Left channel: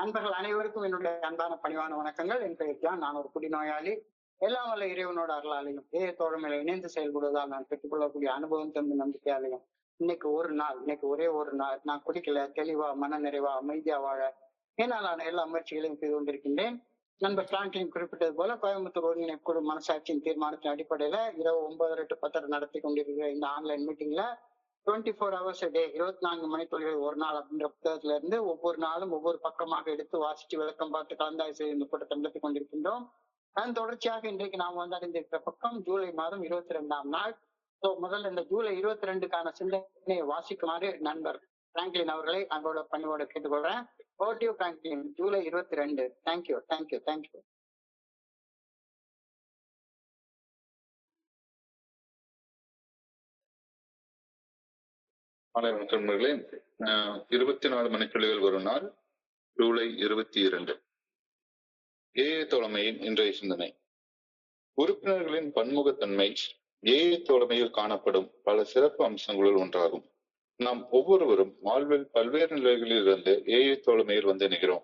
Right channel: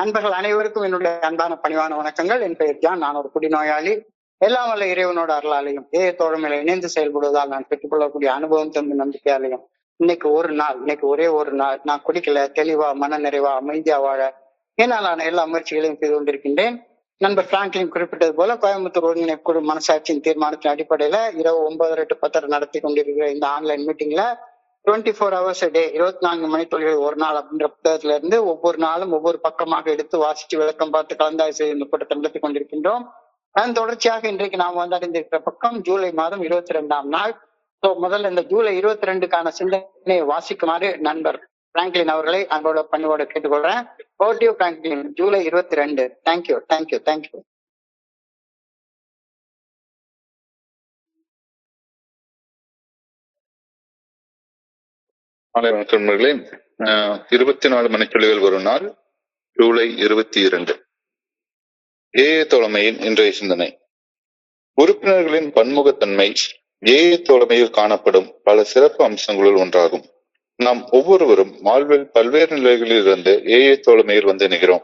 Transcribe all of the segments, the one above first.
நண்பர்கள் அனைவருக்கும் என்னுடைய அன்பான பணிவான வணக்கங்கள். என் பெயர் ஜான். நான் ஒரு குடிநோயாளி. எல்லாம் வல்ல இறைவனோட அருளாலையும் தோழமையில இணைந்து செயல்படுவதால் நான் பெற்றுக்கொள்ளக்கூடிய அனுபவம் தந்து நம்பிக்கையாலையும் இன்னைக்கு ஒரே ஒரு நாள் நான் குடிக்கல, தெளிவா மன நிறைவா அமைதியா வாழ என்னாலான எல்லா முயற்சிகளையும் செய்து கொண்டிருக்கின்றேன். நண்பர் பிராங்க்லின் குறிப்பிட்டது போல கோயம்புத்தூர் ஒருங்கிணைப்பு குழு மனசாட்சியின் தீர்மானத்தின் அடிப்படையில இரவு 9:30 to 10:30 நடத்தி கொண்டிருக்கிற இந்த ஆன்லைன் மீட்டிங்ல 24 hours a day 24 மணித்துளிகள் ஒரு நாள் அப்படின்ற புத்தகத்துல இருந்து ஒவ்வொரு நாளும் ஒவ்வொரு பக்கமாக எடுத்து வாசிச்சு விளக்கம் பார்த்து கலந்தாய்வு செய்து இந்த கூட்டத்தை நடத்தி கொண்டிருக்கின்றோம். அதன் தொடர்ச்சியாக இன்றைக்கு நாம் வந்தடைந்திருக்கிற பக்கம் ஜூலை மாதம் 22ஆம் நாள். முதல்ல இந்த ஜூலை 22க்கான சிந்தனையை வாசிக்குமாறு நண்பர் பிராங்க்லின் அவர்களை அன்போட பணியோட கேட்டுக்கொள்றேன். ஓட்டிவ் பிராங்க்லின், ஜூலை 22. Thank you thank you thank you. மாலை வணக்கம் நண்பர்களே. 24 மணித்துளிகள் ஒரு நாள், ஜூலை 22. தோழமையின் இன்றைய சிந்தனை. உறுப்பினர்களின் பன்முகத்தன்மை தோழமையில் காணப்படும் பல சிறப்பு அம்சங்களுள் ஒன்றாகும். நாம் ஒவ்வொருவரும் வாழ்வில் பல்வேறு நிலைகளில் இருந்து தோழமையில் வந்து இணைகிறோம்.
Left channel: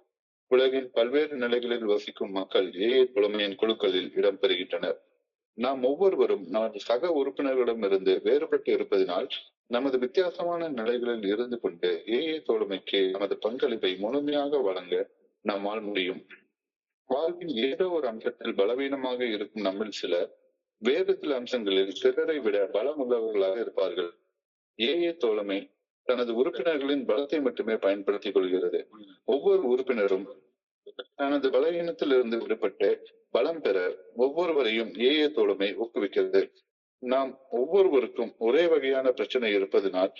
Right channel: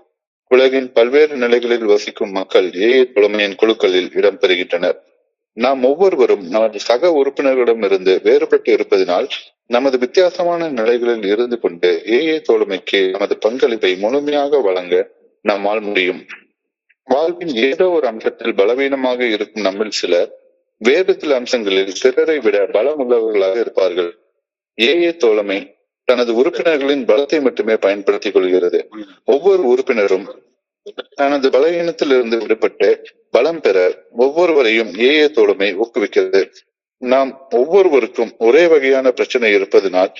உலகின் பல்வேறு நிலைகளில் வசிக்கும் மக்கள் தோழமையின் குழுக்களில் இடம்பெறுகின்றனர். நாம் ஒவ்வொருவரும் நமது சக உறுப்பினர்களிடமிருந்து வேறுபட்டு இருப்பதனால் நமது வித்தியாசமான நிலைகளில் இருந்து கொண்டு தோழமைக்கு நமது பங்களிப்பை முழுமையாக வழங்க நம்மால் முடியும். வாழ்வின் ஏதோ ஒரு அம்சத்தில் பலவீனமாக இருக்கும் நம்மில் சிலர் வேறு சில அம்சங்களில் பிறரை விட பலம் உள்ளவர்களாக இருப்பார்கள். தோழமை தனது உறுப்பினர்களின் பலத்தை மட்டுமே பயன்படுத்திக் கொள்கிறது. ஒவ்வொரு உறுப்பினரும் தனது பலவீனத்தில் இருந்து விடுபட்டு பலம் பெற ஒவ்வொருவரையும் தோழமை ஊக்குவிக்கிறது. நாம் ஒவ்வொருவருக்கும் ஒரே வகையான பிரச்சனை இருப்பதனால்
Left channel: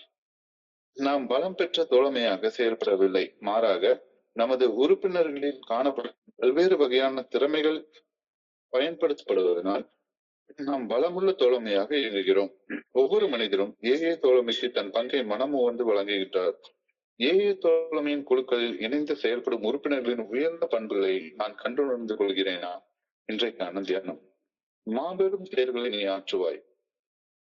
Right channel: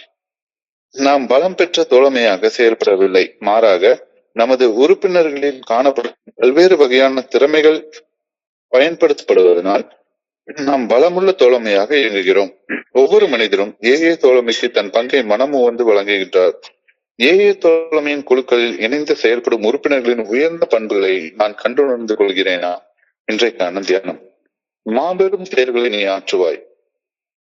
நாம் பலம் பெற்ற தோழமையாக செயல்படவில்லை. மாறாக நமது உறுப்பினர்களில் காணப்படும் பல்வேறு வகையான திறமைகள் பயன்படுத்தப்படுவதனால் நாம் பலமுள்ள தோழமையாக இயங்குகிறோம். ஒவ்வொரு மனிதரும் தோழமைக்கு தன் பங்கை மனமு வந்து வழங்குகின்றார். தோழமையின் குழுக்களில் இணைந்து செயல்படும் உறுப்பினர்களின் உயர்ந்த பண்புகளை நான் கண்டுணர்ந்து கொள்கிறேனா? இன்றைக்கான தியானம். மாபெரும் செயல்களை நீ ஆற்றுவாய்.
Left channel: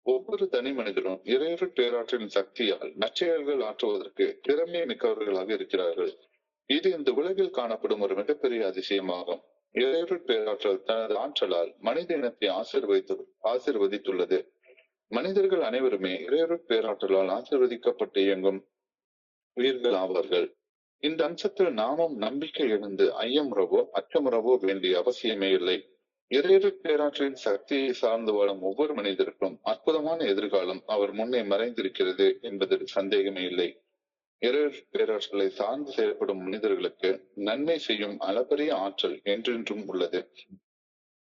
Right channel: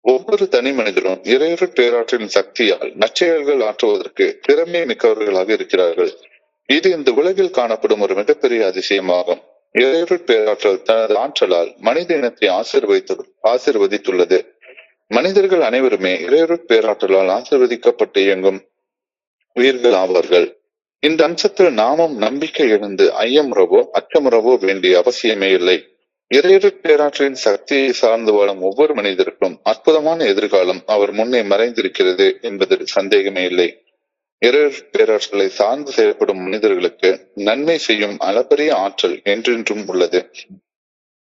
ஒவ்வொரு தனி மனிதரும் இறையருட் பேராற்றலின் சக்தியால் நற்செயல்கள் ஆற்றுவதற்கு திறமை மிக்கவர்களாக இருக்கிறார்கள். இது இந்த உலகில் காணப்படும் ஒரு மிகப்பெரிய அதிசயமாகும். இறையருட் பேராற்றல் தனது ஆற்றலால் மனித இனத்தை ஆசிர்வதித்துள்ளது. மனிதர்கள் அனைவருமே இறையருட் பேராற்றலால் ஆசிர்வதிக்கப்பட்டு இயங்கும் உயிர்கள் ஆவார்கள். இந்த அம்சத்தில் நாமும் நம்பிக்கை இழந்து ஐயமுறவோ அச்சமுறவோ வேண்டிய அவசியமே இல்லை. இறையருட் பேராற்றலின் சக்தியை சார்ந்து வாழும் ஒவ்வொரு மனிதருக்கும் அற்புதமான எதிர்காலம் அவர் முன்னே மறைந்திருக்கிறது என்பதில் சந்தேகமே இல்லை. இறையருட் பேராற்றலை சார்ந்து செயல்படும் மனிதர்களுக்கு நன்மை செய்யும் அளப்பரிய ஆற்றல் என்றென்றும் உள்ளது.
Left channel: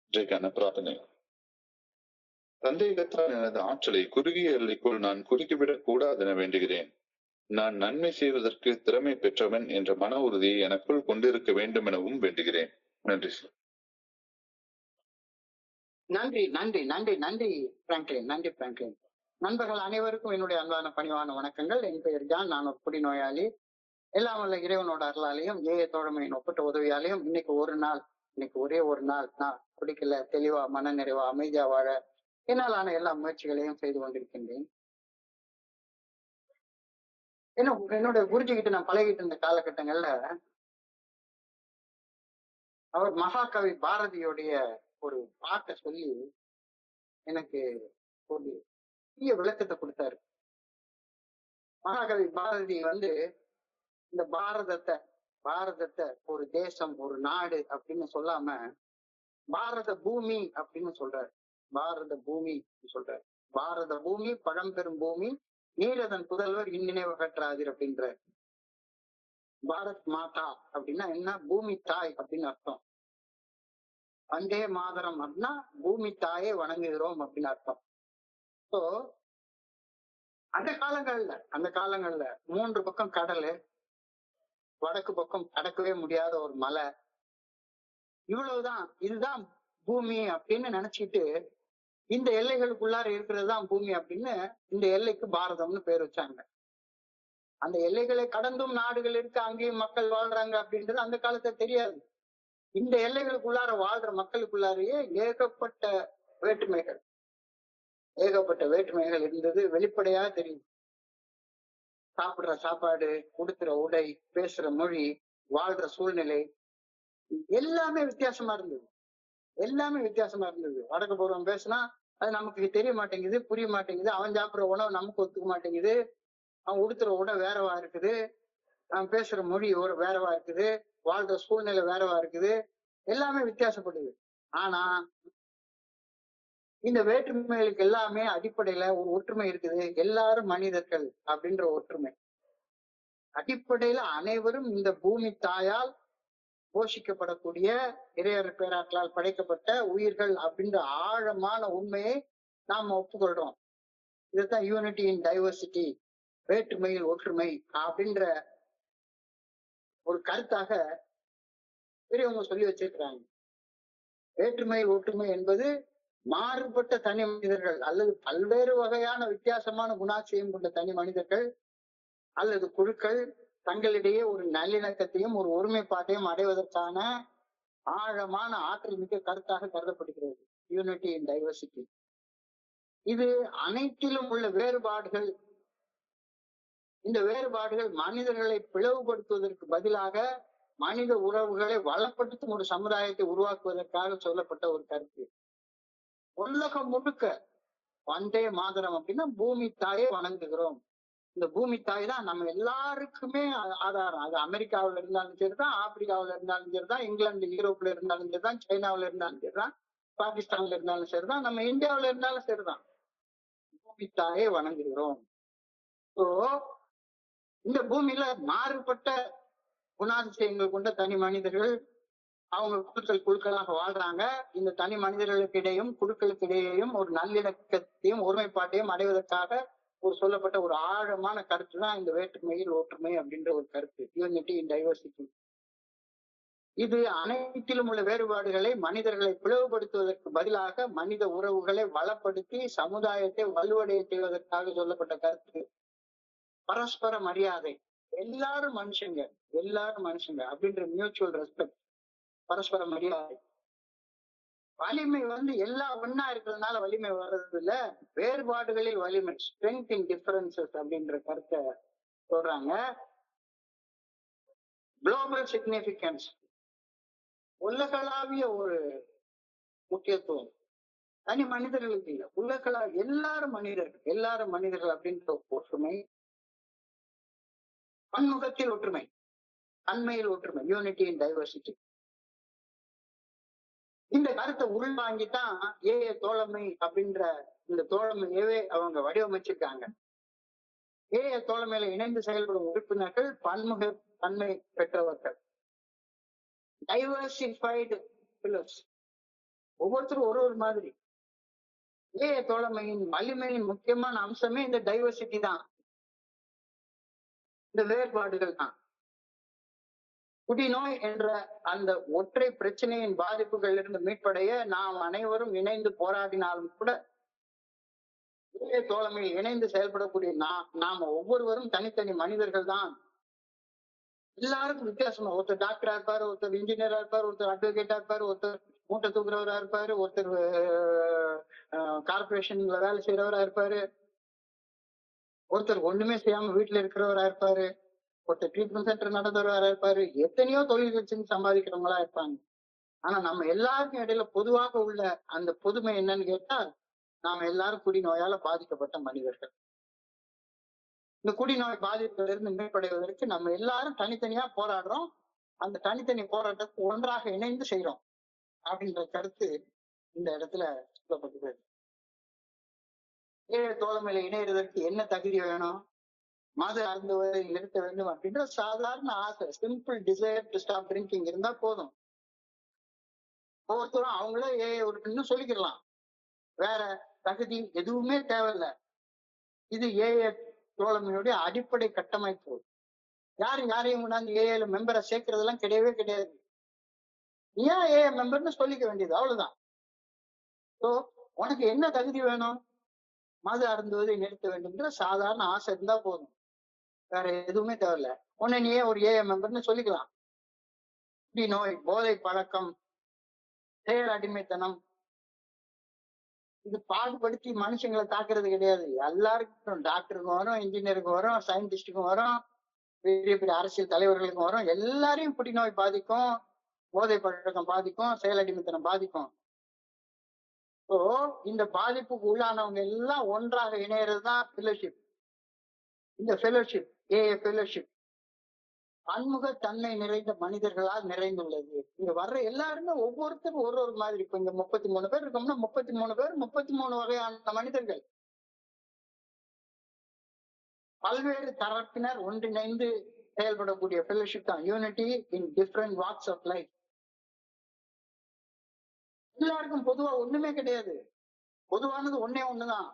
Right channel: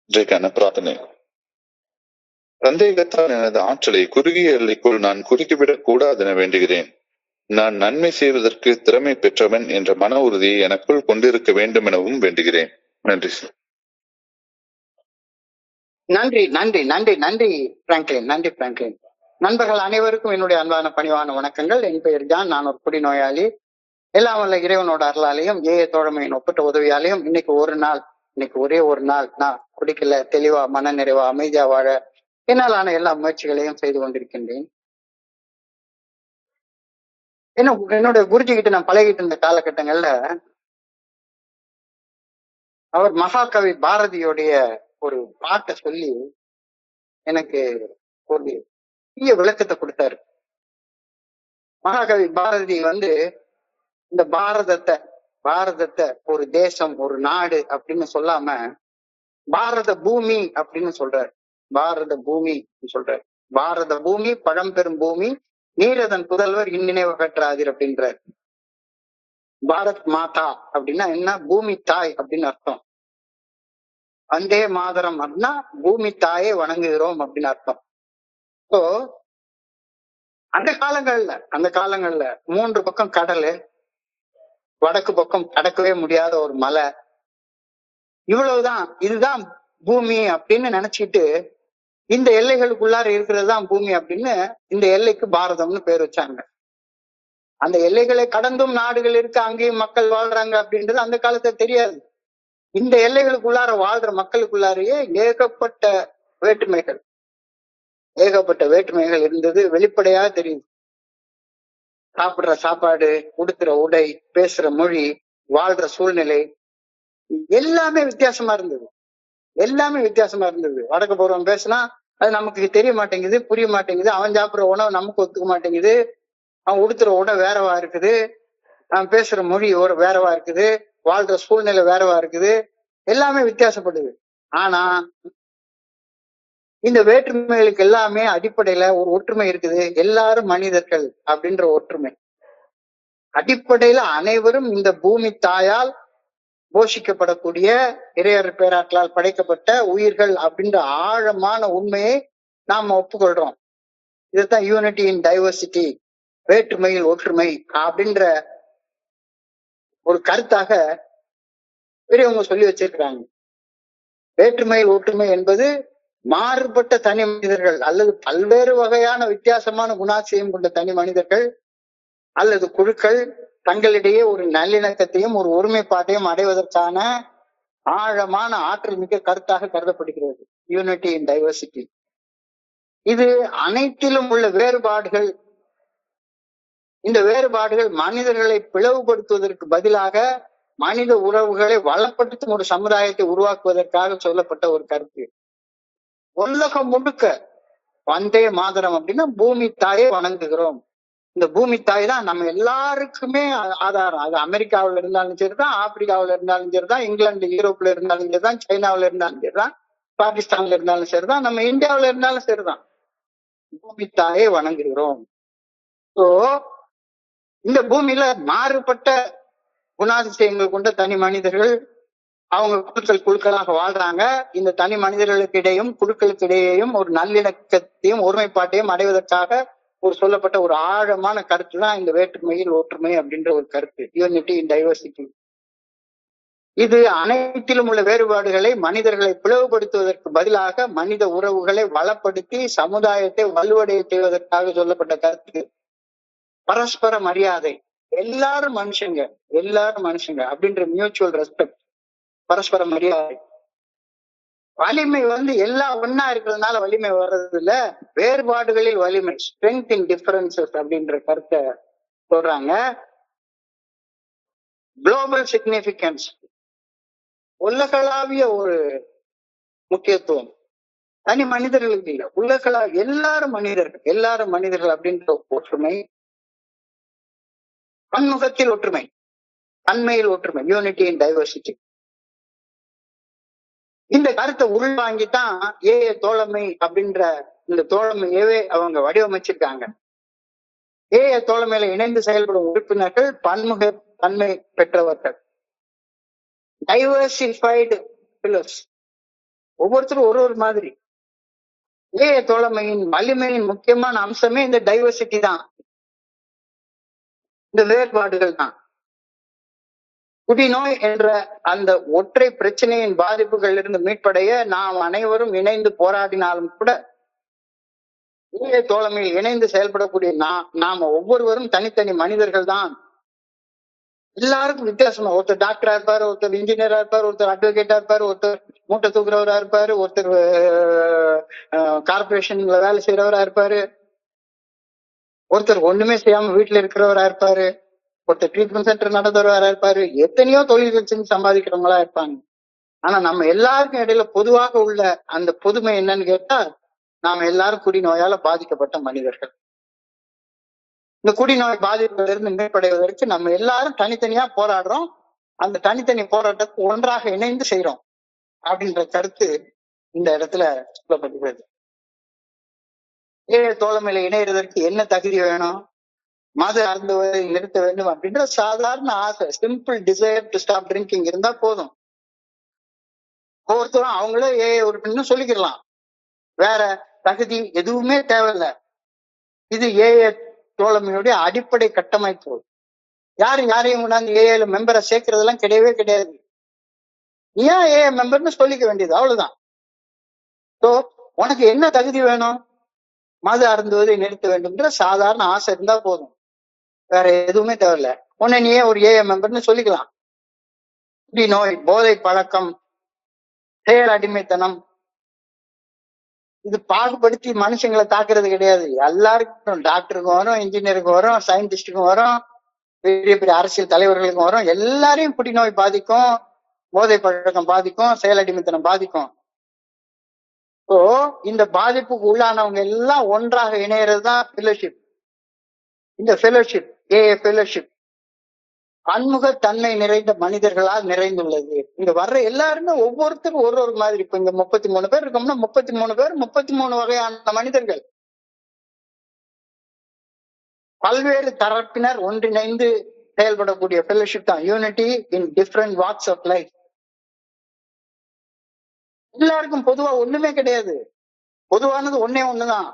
இன்றைக்கான பிரார்த்தனை. சந்தேகத்தால் எனது ஆற்றலை குறுகிய எல்லைக்குள் நான் குறுக்கிவிடக் கூடாது என வேண்டுகிறேன். நான் நன்மை செய்வதற்கு திறமை பெற்றவன் என்ற மன உறுதியை எனக்குள் கொண்டிருக்க வேண்டும் எனவும் வேண்டுகிறேன். நன்றி. நன்றி நன்றி நன்றி நன்றி பிராங்க்லின், நன்றி பிராங்க்லின். நண்பர்கள் அனைவருக்கும் என்னுடைய அன்பான பணிவான வணக்கங்கள். என் பெயர் ஜான். நான் ஒரு குடிநோயாளி. எல்லாம் வல்ல இறைவனோட அருளாலையும் தோழமையின் ஒப்பற்ற உதவியாலையும் இன்னைக்கு ஒரே ஒரு நாள் நான் குடிக்கல, தெளிவா மன நிறைவா அமைதியா வாழ என்னாலான எல்லா முயற்சிகளையும் செய்து கொண்டிருக்கின்றேன். என்னோட குருஜி கிட்ட நான் பழகிட்டு இருந்த காலகட்டங்கள்ல அவர் மகாகவி பாரதியோடைய ஒரு பாட்டை சொல்லி எனக்கு ஒரு பெரிய விளக்கத்தை கொடுத்தாரு. மகாகவி பாரதி இந்த பாரதத்தை ஒரு தேசம், ஒரு நாடு அப்படின்னு சொல்லாம பாரத பூமி அப்படின்னு சொல்றாரு. பாரத பூமி சொல்றாரு. பாரத பூமி பழம்பெரும் பூமி, நீரதன் புதல்வர் இந்நினைவு கற்றாதீர் அப்படின்றார். பாரத் மாதா அப்படின்னா என்ன? பூமி தாய் அப்படின்னு அர்த்தம். வந்தே மாதரம் அப்படின்னா பூமி தாயை வணங்குகிறோம் அப்படின்னு அர்த்தம். ஸோ அந்த காலங்கள்ல 3 பக்கம் கடல், வடக்கு பக்கம் கடக்கவே முடியாத ஒரு மலை, இவ்வளவுதான், இதுதான் பூமி அப்படின்னு நினைச்சிட்டு இந்த எல்லைகளுக்குள்ளார இருக்கிறது தான் பூமி அப்படின்னு இந்த எல்லைக்கு பாரதம்னு பேர் வச்சாங்க. அந்த எல்லைகளை கடந்தும் நாடுகள் இருக்கு, அங்கேயும் மக்கள் வாழ்றாங்க அப்படின்றது அந்த காலத்துல தெரியாது. இந்த எல்லைகளுக்குள்ளார வாழ்ற மக்களுக்குள்ளாரையே ஏகப்பட்ட வேற்றுமைகள் இருந்தது, வெளிப்படையா தெரியுது. சாப்பிடுற சாப்பாடு, உடுத்துற உடை, பேசுற மொழி, வாழ்ற சூழ்நிலை எல்லாமே வித்தியாசமா இருந்தது. எல்லாமே வித்தியாசமா இருந்தது. வடக்கு போறவன் பேசினா அது நமக்கு தெரிய மாட்டேங்குது, புரிய மாட்டேங்குது. அவன் சாப்பிடுற உணவு நமக்கு ஒத்துக்க மாட்டேங்குது. அவன் உடுத்துற உடை வேறவா இருக்குது, அவன் பேசுற மொழி வேறவா இருக்குது, வாழ்ற சூழ்நிலை வேறவா இருக்குது. எல்லாமே வித்தியாசப்படுது. ஆனா இந்த வேற்றுமைகளுக்கு எல்லாமே அடிப்படையில ஒரு ஒற்றுமை இருக்குது. எல்லாரும் மனிதர்கள் அப்படின்ற ஒற்றுமை. அடிப்படையில அனைவரும் இந்த பூமி தாயால் போஷிக்கப்படக்கூடிய இறையர் பேராற்றலால் படைக்கப்பட்ட உயிர்கள் அப்படின்ற ஆழமான உண்மையை நாம ஒப்புக்கொள்றோம். இதுதான் யூனிட்டி இன் டைவர்சிட்டி, வேற்றுமையில் ஒற்றுமை அப்படின்ற ஒரு கருத்தாக பெரியவங்க சொல்லி வச்சிருக்கிறாங்க. வேற்றுமையில் ஒற்றுமை என்பது மாறுபட்ட தனி மனிதர்கள் அல்லது பல்வேறு வகையான வித்தியாசமான குணாதிசயம் கொண்ட தனி மனிதர்கள் அல்லது குழுக்கள் தங்களிடையே ஒரு நல்லிணக்கத்தையும் ஒரு ஒருமைப்பாட்டையும் அடைவதற்கான ஆழமான ஆற்றல் மிக்க கருத்தாக கருதப்படுகிறது யூனிட்டி இன் டைவர்சிட்டி. இது அனைத்திலும் உள்ள வேறுபாடுகள், இந்த வேறுபாடுகள் மனிதர்களை பிளவுபடுத்துவதற்கு பதிலாக மனித உறவுகளை வளப்படுத்தும் ஒரு சமுதாயத்தை உருவாக்குவதற்காக சொல்லப்பட்ட ஒரு கருத்து. உலகம் முழுக்க வந்தே மாதரம் அப்படின்னா பூமி தாயை வணங்குகிறோம். இந்த பூமி தாய் தான் நம்ம எல்லாருக்குமே ஆதாரம். அது அமெரிக்காவில இருந்தாலும் சரிதான், ஆப்பிரிக்காவில இருந்தாலும் சரிதான், இங்கிலாந்து யூரோப்ல இருந்தாலும் சரிதான், சைனாவில இருந்தாலும் சரிதான், பாகிஸ்தான்ல இருந்தாலும் சரிதான், நம்ம இந்தியாவில இருந்தாலும் சரிதான், பூமி தாயை வணங்குகிறோம். சோ இந்த பூமியில மாறுபட்ட குணாதிசயங்கள் கொண்ட தனி மனிதர்கள் அவங்க குழுக்களாக வாழ்றாங்க. இந்த தனி மனிதர்களுக்கு இடையும் குழுக்களுக்கு இடையேயும் ஒரு நல்லிணக்கத்தையும் ஒருமைப்பாட்டையும் அடைவதற்காக ஒரு சொல்லப்பட்ட ஒரு ஆழமான கருத்து தான் இந்த வேற்றுமையில் ஒற்றுமை அப்படின்ற ஒரு கருத்து, யூனிட்டி இன் டைவர்சிட்டி. இது அனைத்திலும் உள்ள வேறுபாடுகளை மனிதர்களை பிளவுபடுத்துவதற்கு பதிலாக மனித உறவுகளை வளப்படுத்தி சமுதாயத்தை வலுவடைய செய்வதற்காக சொல்லப்பட்ட கருத்து. பரஸ்பர மரியாதை, எல்லாரும் மனுஷங்க, எல்லாரும் மனுஷங்க அப்படின்ற மியூச்சுவல் ரெஸ்பெக்ட், பரஸ்பர மரியாதை. வலிமை எல்லாம் ஒன்னா இருக்கிறதுனால வலிமை வர்றது இல்ல, வேறுபாடுகளில் வலிமை, ஸ்ட்ரென்த் இன் டிஃபரன்சஸ் அப்படின்ற கருத்தை சொல்றாங்க. குளோபல் சிக்னிபிகன்ஸ், உலகளாவிய ஒரு முக்கியத்துவம், தனி மனிதர்களுக்கு இல்ல, உலகளாவிய எல்லாரும் மனிதர்கள், எல்லாரும் மனிதர்கள் அப்படின்ற ஒற்றுமை. பன்முகத்தில் ஒற்றுமை, தன்மையில் ஒற்றுமை, யூனிட்டி இன் டைவர்சிட்டி. இந்த கருத்தை உள்வாங்கித்தான் ஏஏ தோழமை அப்படின்ற இந்த தோழமையவே அவங்க வடிவமைச்சிருக்காங்க. ஏஏ தோழமையில இணைந்து செயல்படும் உறுப்பினர்கள் பன்முக தன்மை பெற்றவர்கள், டைவர்சிஃபைடு பில்லர்ஸ், ஒவ்வொருத்தரும் ஒரு ஒரு மாதிரி. ஏஏ தோழமையின் வலிமையின் முக்கியமான அம்சமே இந்த டைவர்சிட்டி தான், இந்த வேறுபாடுகள் தான். குடிநோய் என்ற அந்த ஒற்றை பிரச்சனையின் பாதிப்புகள் இருந்து மீட்படைய நாம் அனைவரும் இணைந்து போராடினாலும் கூட ஏஏ தோழமையில் இணைந்து செயல்படக்கூடிய நாம ஒவ்வொருவரும் தனித்தனி மனிதர்கள் தான். எல்லாருக்கும் வித்தியாசமா, ஒருத்தர் டாக்டரா இருப்பாரு, ஒருத்தர் இன்ஜினியரா இருப்பாரு, ஒருத்தர் அட்வொகேட்டா இருப்பாரு, ஒருத்தர் மூட்டை தூக்குறவரா இருப்பாரு, ஒருத்தர் கார்பரேஷன்ல வேலை செய்யறவரா இருப்பாரு, ஒருத்தர் ஒண்ணுமே செய்யாம வீட்டுல இருக்கிறவரா இருப்பாரு, ஒருத்தர் ட்ரீட்மெண்ட் சென்டர் நடத்துறவரா இருப்பாரு, எத்தனையோ தொழில்கள் செஞ்சு சம்பாதிக்கிறவங்களா இருப்பாங்க. ஆனா நம்ம எல்லாருக்கும் இடையில பொதுவாக உள்ள அந்த பொதுமை என்னன்னு கேட்டா, நாம எல்லாரும் குடிநோயால பாதிக்கப்பட்ட மனிதர்கள். இந்த குடிநோய் பாதிப்புல இருந்து மீட்படைவதற்கு நம்ம எல்லாரும் தனித்தனியா போராடுறோம். அந்த தனித்தனி போராட்டத்தை ஒன்றாக இணைந்து செய்யறோம் அப்படின்ற கருத்து இந்த இடத்துல சொல்லப்பட்டுள்ளது. ஏழை தோழமையில இணையறதற்கு என்ன தகுதி வேணும்? மது அருந்துவதை நிறுத்த வேண்டும் அப்படின்ற சாதாரண ஆசை, simple desire to stop drinking இருந்தா போதும். ஒவ்வொருத்தரும் அவங்களே உறுப்பினர் சொல்லிக்கலாம், வேற தகுதி எதுவுமே தேவையில்லை. இது ஏஏ தோழமையுடைய அடிப்படை கட்டமைப்பு. யாரையும் கொண்டாந்து ஏஏல மெம்பரை சேர்க்கறதெல்லாம் கிடையவே கிடையாது. ஏன் ஏஏ மெம்பர்னு சொல்லிக்க வேண்டியது, அவ்வளவுதான். ஸோ உனக்கு என்ன தகுதி வேணும்? மது அருந்துவதை நிறுத்த வேண்டும்ன்ற சாதாரண ஆசை இருந்தா போதும், வேற எதுவுமே தேவையில்ல. உன்னை நீயே ஒரு ஏஏ மெம்பர்னு சொல்லிக்கலாம். குடிநோய், போதை பழக்கம், செயல் அடிமைத்தனம், இது பாகுபடுத்தி மனுஷங்களை தாக்குறது கிடையாது. எல்லாருக்கும், டாக்டருக்கும் வரும், இன்ஜினியருக்கும் வரும், சயின்டிஸ்டுக்கும் வரும், பெரிய பெரிய அரசியல் தலைவர்களுக்கும் வரும். எல்லாரையும் குடிநோய் பாதிக்கும், போதை பழக்கம் பாதிக்கும், செயலடிமைத்தனம் பாதிக்கும். இப்போ இந்த பாதிப்புக்கு உள்ளானவங்க எல்லாம் ஒன்றாக இணையறதுதான் ஃபெலோஷிப். இந்த ஃபெலோஷிப், ஏஏ ஃபெலோஷிப் பன்முகத்தன்மை நிறைந்த மனிதர்களால் நிறைந்துள்ளது. இங்க வர்ற எல்லாருமே ஒவ்வொருத்தரும் ஒரு ஒரு மாதிரி. இப்ப இங்க 33 பேர் இருக்கோம்னா 33 பேர் 33 வகையான மனிதர்கள், பல்வேறு தரப்பினர் ஒன்றிணைந்து செயல்படக்கூடிய ஃபெலோஷிப் தான் unity in different walks of life. எல்லாருக்கும் பொதுவா ஒண்ணுமே கிடையாது. பொதுவானது ஒன்னே ஒண்ணுதான்,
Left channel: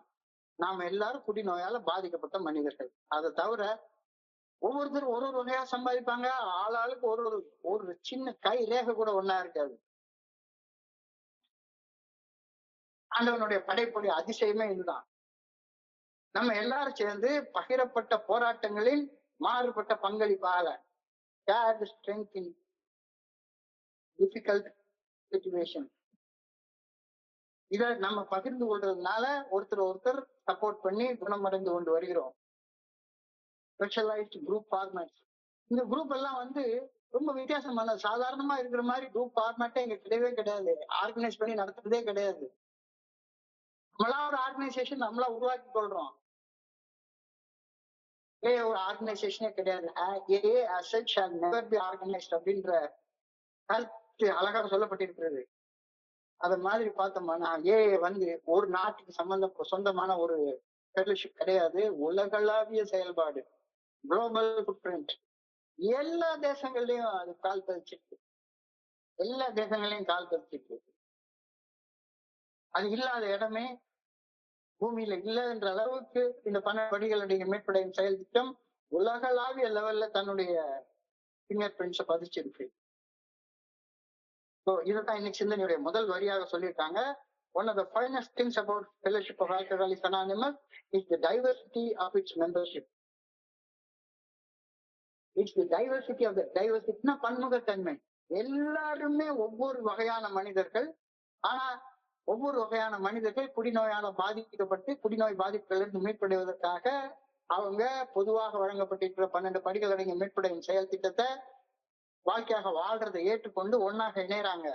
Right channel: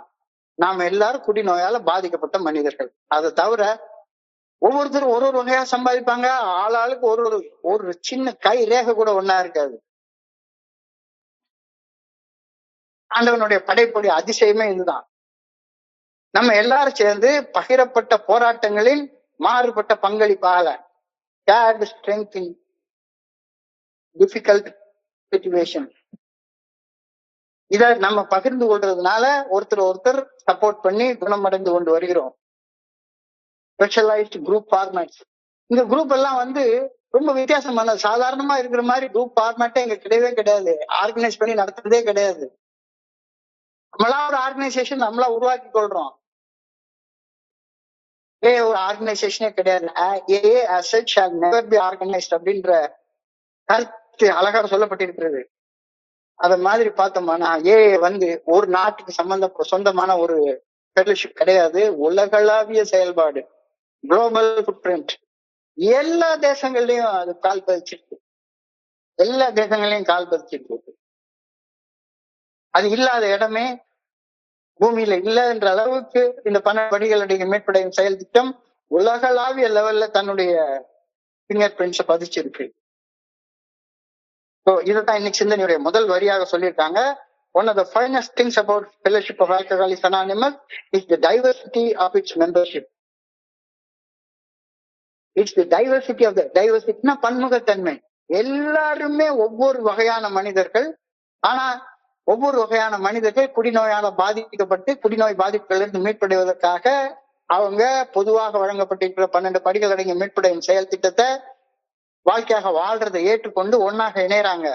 நாம எல்லாரும் குடிநோயால பாதிக்கப்பட்ட மனிதர்கள். அதை தவிர ஒவ்வொருத்தரும் ஒரு ஒரு வகையா சம்பாதிப்பாங்க. ஆளாளுக்கு ஒரு ஒரு சின்ன கை ரேகை கூட ஒன்னா இருக்காது. ஆண்டவனுடைய படைப்புடைய அதிசயமே இதுதான். நம்ம எல்லாரும் சேர்ந்து பகிரப்பட்ட போராட்டங்களில் மாறுபட்ட பங்களிப்பாக shared strength in difficult situation. இத நம்ம பகிர்ந்து கொள்றதுனால ஒருத்தர் சப்போர்ட் பண்ணி குணமடைந்து கொண்டு வருகிறோம். Specialised group formats. இந்த குரூப் எல்லாம் ரொம்ப வித்தியாசமான, சாதாரணமா இருக்கிற மாதிரி குரூப் ஃபார்மேட்டே இங்க கிடையவே கிடையாது. ஆர்கனைஸ் பண்ணி நடத்துறதே கிடையாது. நம்மளா ஒரு ஆர்கனைசேஷன் நம்மளா உருவாக்கி கொள்றோம். ஒரு ஆர்கனைசேஷனே கிடையாது. AA as such shall never be organized அப்படின்ற கருத்து அழகா சொல்லப்பட்டிருக்கிறது. அத மாதிரி பார்த்தோம்னா AA ஒரு நாட்டுக்கு சொந்தமான ஒரு ஃபெலோஷிப் கிடையாது. உலகளாவிய செயல்பாடு, குளோபல் ஃபுட்பிரிண்ட். எல்லா தேசங்கள்லயும் அது கால் பதிச்சிருக்கு. எல்லா தேசங்களையும் கால் பதிச்சிருக்கு. அது இல்லாத இடமே பூமியில இல்லைன்ற அளவுக்கு இந்த 12 படிகளுடைய மீட்படையும் செயல் திட்டம் உலகளாவிய லெவல்ல தன்னுடைய பிங்கர் பிரிண்ட்ஸை பதிச்சிருக்கு. இதைத்தான் இன்னைக்கு சிந்தனையுடைய முதல் வரியாக சொல்லியிருக்காங்க. One of the finest things about Fellowship of Alcoholics Anonymous is the diversity of its membership. It's the diversity of the diversity. பன்முகத்தன்மை. எல்லாருமே ஒவ்வொரு வகையான மனிதர்கள். ஆனா ஒவ்வொரு வகையான மனிதர்கள் குடிநோயால பாதிக்கப்பட்டு குடிநோய் பாதிப்புகளிலிருந்து மீட்படைவதற்காக அவங்க பொதுவாக வழங்கப்பட்டிருக்கிற 12 படிகள் அடங்கிய மீட்படையும் செயல் திட்டத்தை வாழ்க்கையாக வாழ்றதை ஏற்றுக்கொண்டு ஒன்னாக இணையறாங்க.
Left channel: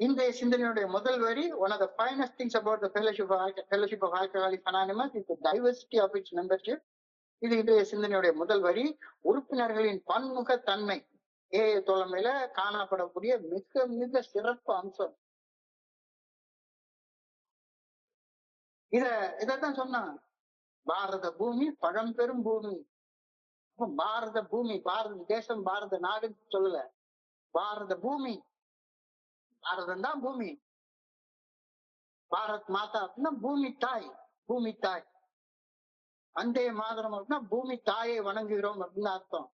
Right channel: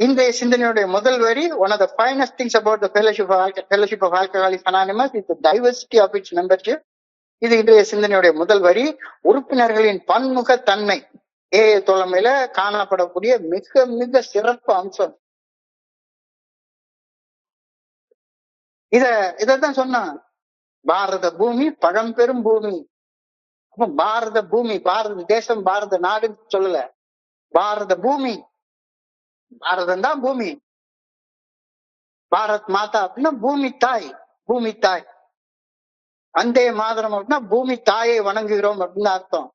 இன்றைய சிந்தனையுடைய முதல் வரி, one of the finest things about the Fellowship of Alcoholics Anonymous is the diversity of its membership. இது இன்றைய சிந்தனையுடைய முதல் வரி. உறுப்பினர்களின் பன்முகத்தன்மை AA தோழமையில காணப்படக்கூடிய மிக மிக சிறப்பு அம்சம். இதத்தான் சொன்னா, பாரத பூமி பழம்பெரும் பூமி. அப்ப பாரத பூமி, பாரத தேசம், பாரத நாடுன்னு சொல்லல, பாரத பூமி. பாரதம் தான் பூமி. பாரத் மாதா அப்படின்னா பூமி தாய், பூமி தாய். வந்தே மாதரம் அப்படின்னா பூமி தாயை வணங்குகிறோம் அப்படின்னு அர்த்தம்.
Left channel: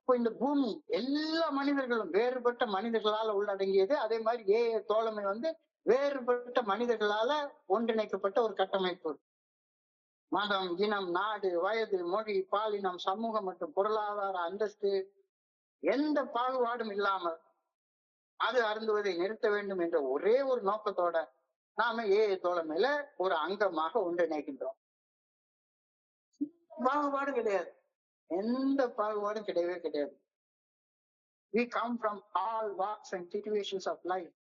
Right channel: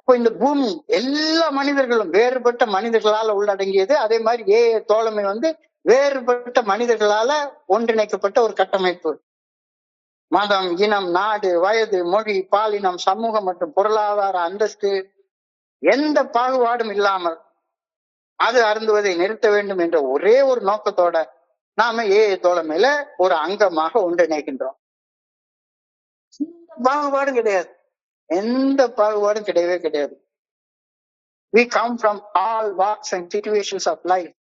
இப்போ இந்த பூமி எல்லா மனிதர்களும் வேறுபட்ட மனிதர்களால உள்ளடங்கியது. அதே மாதிரி AA தோழமை வேறுபட்ட மனிதர்களால ஒன்றிணைக்கப்பட்ட ஒரு கட்டமைப்பு. மதம், இனம், நாடு, வயது, மொழி, பாலினம், சமூகம் மற்றும் பொருளாதார அந்தஸ்து எந்த பாகுபாடும் இல்லாமல் அது அருந்துவதை நிறுத்த வேண்டும் என்ற ஒரே ஒரு நோக்கத்தோட நாம AA தோழமையில ஒரு அங்கமாக ஒன்றிணைக்கின்றோம். பாகுபாடு கிடையாது, எந்த பாகுபாடும் கிடையவே கிடையாது. We come from all walks and situations of life.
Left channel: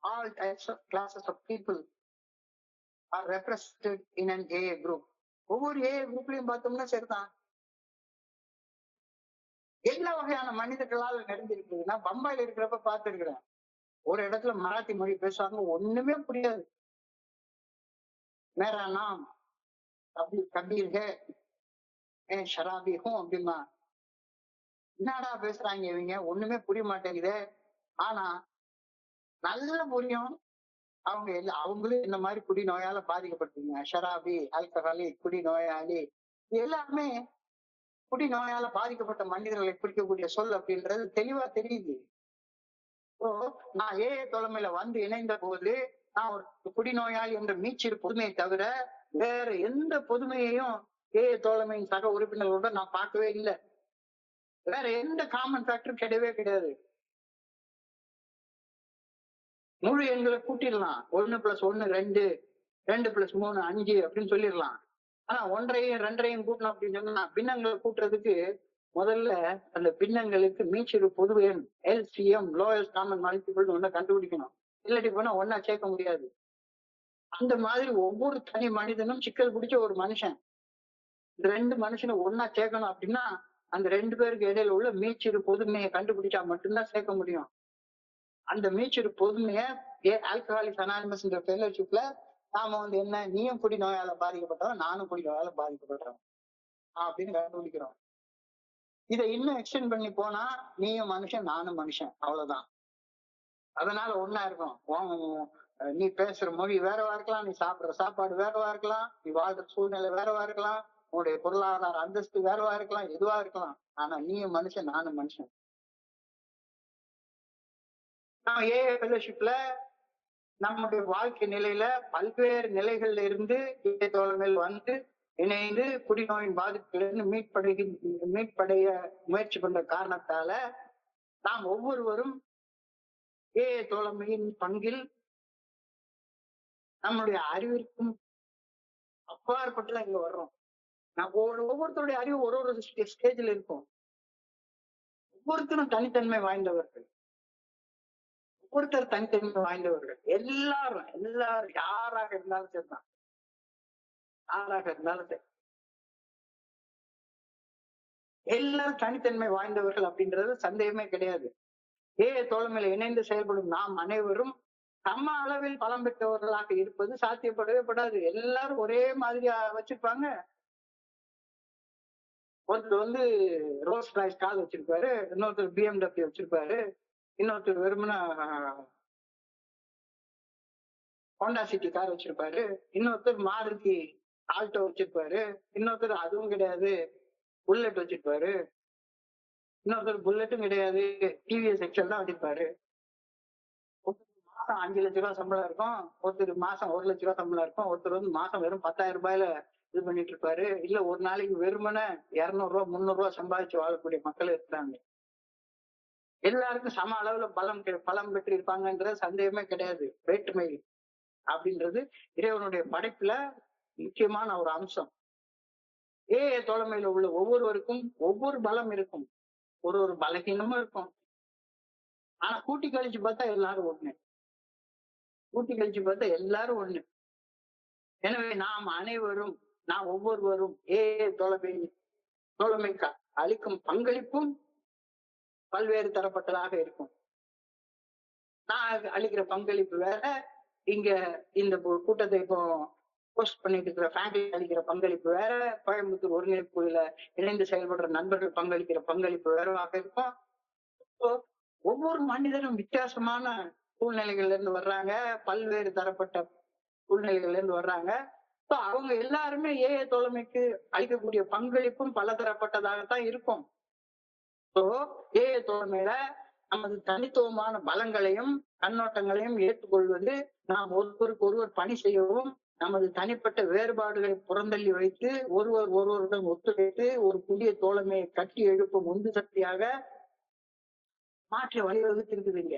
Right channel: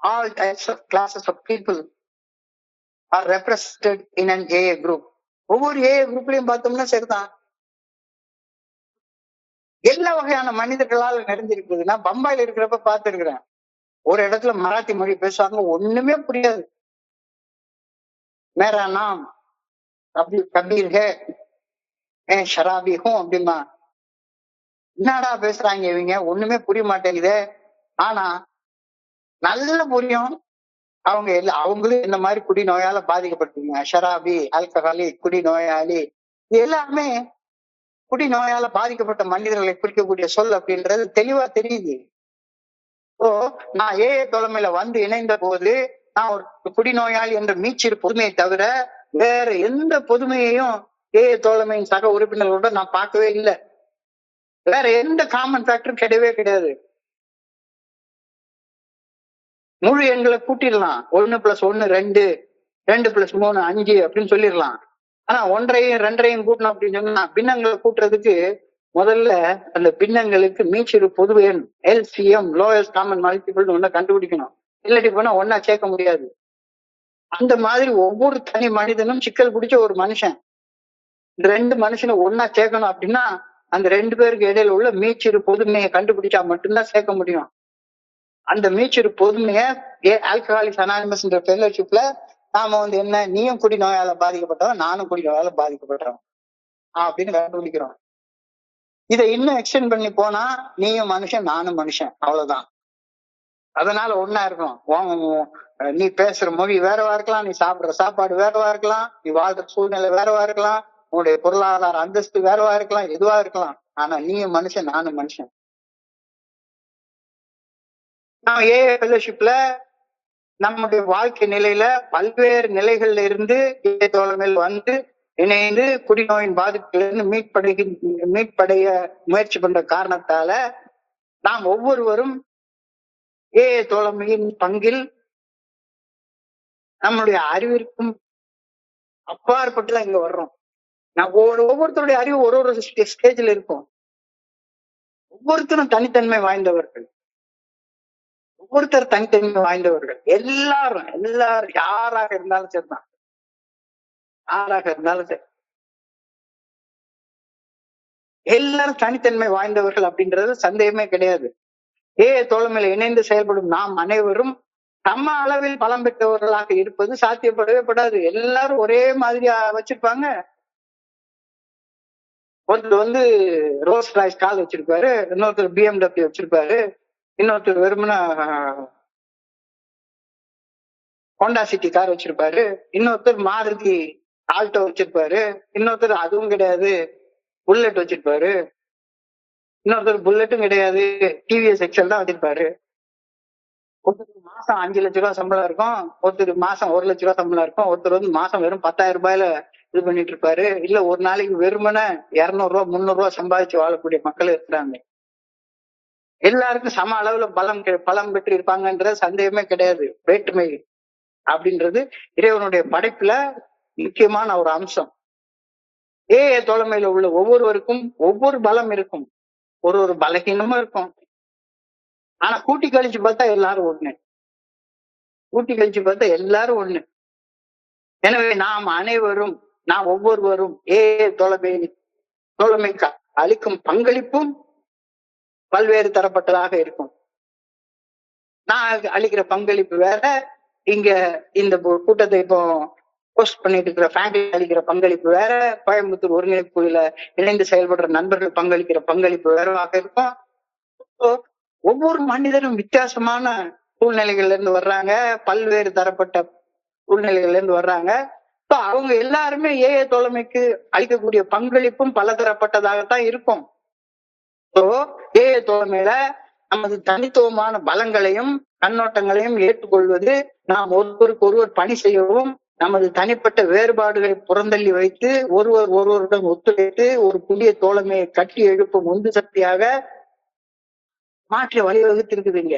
All types of classes of people are represented in an AA group. ஒவ்வொரு AA குரூப்லயும் பார்த்தோம்னா சரிதான், எல்லா வகையான மனிதர்களால் நிறைந்திருக்குது. நான் பம்பாயில இருக்கிறப்ப பார்த்திருக்கிறேன், ஒரு இடத்துல மராத்தி மொழி பேசுவாங்க, ஒண்ணுமே புரியாது. மேரா நாம் அப்படி கபீர் ஹே ஷராபி ஹூம் அப்படிமா, என்னடா பேசுறாங்க இவங்க, ஒண்ணுமே புரிய மாட்டேங்குது. ஆனா நல்ல புரியும், அவங்களும் இந்த மாதிரி குடிநோயால பாதிக்கப்பட்டிருக்கீங்க. ஷராபி, ஆல்கஹாலி, குடிநோயாளி, இது எல்லாமே குடிநோயால பாதிக்கப்பட்ட மனிதர்களை குறிக்கக்கூடிய சொல் அப்படின்றது தெளிவா தெரியுது. நான் AA தோழமையில இணைந்த போது நான் ஒரு குடிநோயாளி என்ற மீச்சிறு பொதுமையை தவிர வேற எந்த பொதுமையையும் AA தோழமையின் சக உறுப்பினர்களோட நான் பார்க்கவே இல்லை. வேற எந்த காமன் ஃபேக்டரும் கிடையவே கிடையாது. முழு எண்களை கூட்டிடலாம், 1+1 2, 2+3 5 அப்படின்னு சொல்லிடலாம். ஆனா 1.5யும் 2.5யும் கூட்டணும் அப்படின்னு சொன்னா பின்னங்களை கூட்டுறதுக்கு முதல்ல அந்த பின்னங்களுக்கு மீச்சிறு பொது எண் LCM லோயஸ்ட் காமன் மல்டிபிள் ஒன்ன கண்டுபிடிக்கணும். இல்லாட்டி போனா ஒன்னா சேர்க்க முடியாது. அந்த மாதிரி ஒவ்வொரு தனி மனிதனும் சிக்கல் பிடிச்ச ஒரு மனுஷன். இந்த 2 மனுஷனை ஒன்னா சேர்க்கணும் அப்படின்னா அந்த 2 பேருக்கு இடையில உள்ள மீச்சிறு பொதுமையை கண்டுபிடிச்சா மட்டும்தான் சேர்க்க முடியும். அந்த மீச்சிறு பொதுமையை ஆல்கஹாலிக்ஸ் அனானிமஸ்ன்ற ஃபெல்லோஷிப்ல நாம என்ன நீயும் குடி நோயால பாதிக்கப்பட்டவன், நானும் குடி நோயால பாதிக்கப்பட்டவன் அப்படின்னு கண்டுபிடிக்கிறோம். இதை இன்னும் எக்ஸ்டெண்ட் பண்ணி போனா நீயும் மனுஷன் நானும் மனுஷன், அவ்வளவுதான். அதனால ஒன்னா இருக்கணும். நீ பேசுற மொழி வேறவா இருக்கலாம், நீ சாப்பிடுற சாப்பாடு வேறவா இருக்கலாம், நீ வாழ்ற சூழ்நிலை வேறவா இருக்கலாம், உன்னுடைய பொருளாதார அந்தஸ்து வேறவா இருக்கலாம், எதுவா இருக்கலாம். ஆனா நீயும் மனுஷன் நானும் மனுஷன். நான் ஏஐ ஃபெல்லோஷிப்ல நம்முடைய வாழ்க்கை நிலையில பல்வேறு நிலைகள்ல இருந்து தோழமையில் வந்து இணைந்து குடிநோயின் பாதிப்பிலிருந்து மீட்படைய முயற்சி பண்ற காரணத்தால நாம் ஒவ்வொருவரும் ஏஐ தோழமையின் பங்கில் நம்முடைய அறிவிற்கும் அப்பாற்பட்டுதான் இங்க வர்றோம். ஒவ்வொருத்தருடைய அறிவு ஒரு ஒரு ஸ்டேஜ்ல இருக்கும். ஒவ்வொருத்தரும் தனித்தன்மை வாய்ந்தவர்கள், ஒவ்வொருத்தர் தனித்தன்மை வாய்ந்தவர்கள். எல்லாரும் யாராக இருந்தாலும் சரிதான், யாராக இருந்தாலும் சரி, எல்லாரும் தனித்தன்மை வாய்ந்தவர்கள் அப்படின்றது சந்தேகமே கிடையாது. ஏஐ தோழமையில இணைந்து செயல்படும் நாம் அனைவரும் சம அளவில் பலம் பெற்றவர்களாக இருப்பது சாத்தியப்படவே படாது. எல்லாரும் ஒரே மாதிரியா வச்சிருப்பாங்க. ஒருத்தர் ரோல்ஸ் ராய்ஸ் கார் வச்சிருப்பாரு, இன்னொருத்தர் BMW வச்சிருப்பாரு, இன்னொருத்தர் வெறுமனா ஹோண்டா சிட்டி கார் வச்சிருப்பாரு, இன்னொருத்தர் மாருதி ஆல்டோ வச்சிருப்பாரு, இன்னொருத்தர் அதுவும் கிடையாது புல்லட் வச்சிருப்பாரு, இன்னொருத்தர் புல்லட்டும் கிடையாது டிவிஎஸ் எக்ஸல் தான் வச்சிருப்பாரு. ஒருத்தருக்கு மாசம் 5 லட்ச ரூபாய் சம்பளம் இருக்கும், ஒருத்தருக்கு மாசம் 1 லட்ச ரூபாய் சம்பளம் இருக்கும், ஒருத்தர் மாசம் வெறும் 10,000 ரூபாயில இது பண்ணிட்டு இருப்பாரு. இல்ல ஒரு நாளைக்கு வெறுமன 200 ரூபாய் 300 ரூபாய் சம்பாதிச்சு வாழக்கூடிய மக்கள் இருக்கிறாங்க. எல்லாருக்கும் சம அளவுல பலம் பெற்று இருப்பாங்கன்ற சந்தேகமே கிடையாது. வேற்றுமை அப்படின்றது இறைவனுடைய படைப்புல முக்கியமான ஒரு அம்சம். ஏஐ தோழமையில உள்ள ஒவ்வொருவருக்கும் ஒவ்வொரு பலம் இருக்கும், ஒரு பலகீனமும் இருக்கும். ஆனா கூட்டி கழிச்சு பார்த்தா எல்லாரும் ஒண்ணு, கூட்டி கழிச்சு பார்த்தா எல்லாரும் ஒண்ணு. எனவே நாம் ஒவ்வொருவரும் ஏஐ தோழமைக்கு அளிக்கும் பங்களிப்பும் பல்வேறு தரப்பட்டதாக இருக்கும். நான் அளிக்கிற பங்களிப்பு வேற, இங்க இந்த கூட்டத்தை இப்போ போஸ்ட் பண்ணிட்டு இருக்கிற ஃபேமிலி அளிக்கிற பங்களிப்பு வேற, கோயம்புத்தூர் ஒருங்கிணைப்பு குழுல இணைந்து செயல்படுற நண்பர்கள் பங்களிக்கிற பங்களிப்பு வேறவாக இருக்கும். ஒவ்வொரு மனிதரும் வித்தியாசமான சூழ்நிலைகள்ல இருந்து வர்றாங்க, பல்வேறு தரப்பட்ட சூழ்நிலைகள்ல இருந்து வர்றாங்க. அவங்க எல்லாருமே ஏஐ தோழமைக்கு அளிக்கக்கூடிய பங்களிப்பும் பல தரப்பட்டதாகத்தான் இருக்கும். ஏஐ தோழமையில நமது தனித்துவமான பலங்களையும் கண்ணோட்டங்களையும் ஏற்றுக்கொள்வது, நாம் ஒருவருக்கு ஒருவர் பணி செய்யவும், நமது தனிப்பட்ட வேறுபாடுகளை புறந்தள்ளி வைத்து ஒருவருடன் ஒத்துழைத்து ஒரு புதிய தோழமையை கட்டி எழுப்பும் உந்து சக்தியாக மாற்றி வழிவகுத்திருக்குதுங்க.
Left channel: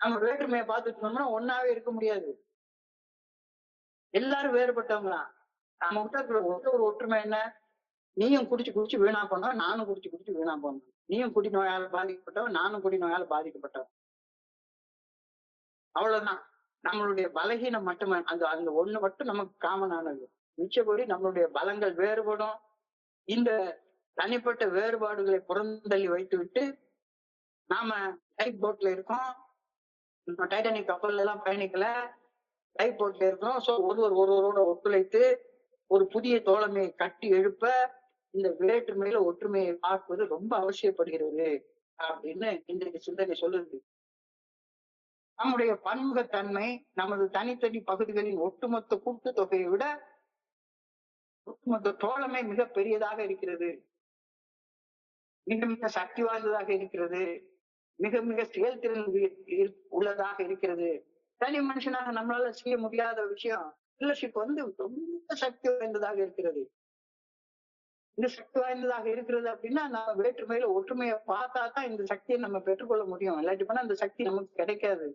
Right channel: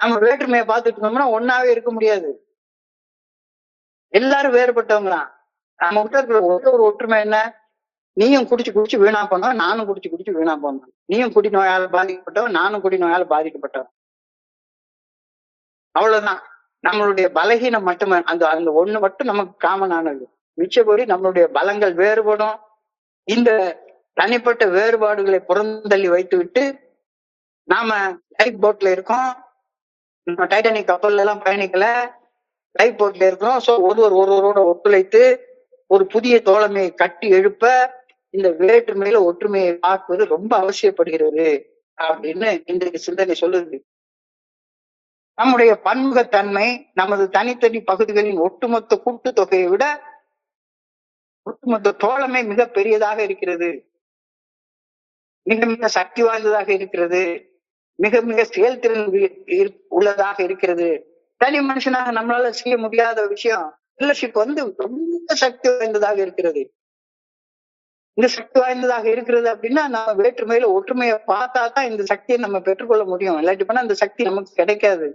நம்ம வேற்றுமையை பார்த்துட்டு இருந்தோம்னா ஒன்னாவே இருக்க முடியாது. எல்லாரும் வேறுபட்டவங்களாம். நம்ம கிட்ட இருக்கிற ஒரு ஒற்றுமை என்ன? நீயும் குடிச்சு வீணா போனவன், நானும் குடிச்சு வீணா போனவன். நீயும் குடி நோயால பாதிக்கப்பட்டவன், நானும் குடி நோயால பாதிக்கப்பட்டவன். அவ்வளவுதான். நம்மளுடைய பலகீனம் மட்டுமே அந்த ஒண்ணு மட்டும் நமக்கு காமனானது. மிச்சபடி நம்மளுடைய பலங்கள் வேறுபடும். இந்த தனிப்பட்ட வேறுபாடுகளை புறந்தள்ளி வைத்து விட்டு நாம லைஃப் போட்ல இருக்கோம். நம்ம டைட்டானிக் கப்பல்ல எல்லாம் பயணிக்கல, லைஃப் போட்ல இருக்கோம். சோ ஒருவரோட ஒத்துழைத்து ஒரு புதிய தோழமையை கட்டி எழுப்ப இந்த வேற்றுமையில ஒற்றுமையை பார்ப்பது ரொம்ப அவசியப்படுகிறது அப்படின்னு இன்றைக்கு சிந்தனை சொல்லுது. நம்முடைய பன்முகத்தன்மை நமது தனித்தனி பகுதிகளின் ஒட்டுமொத்த கூட்டுத்தொகையை விட ஒட்டுமொத்த தோழமை மிக பெரியதாக இருக்கிறது, மிக மிக சக்தி வாய்ந்ததாக இருக்கிறது, மிக மிக செயல்திறன் உள்ளதாக இருக்கிறது. தனி மனுஷனாக நம்மளால செய்ய முடியாத விஷயம் ஃபெல்லோஷிப் ரொம்ப சக்தி வாய்ந்ததாக இருக்கிறது. இந்த சக்தி வாய்ந்ததாக இருக்கிறது அப்படின்னா நம்ம வேற்றுமையில ஒற்றுமையை பார்த்தா தான் இந்த சக்தியை நம்ம பெற்றுக்கொள்ள முடியும். இல்லாட்டி போனா இந்த சக்தி நமக்கு கிடைக்காது.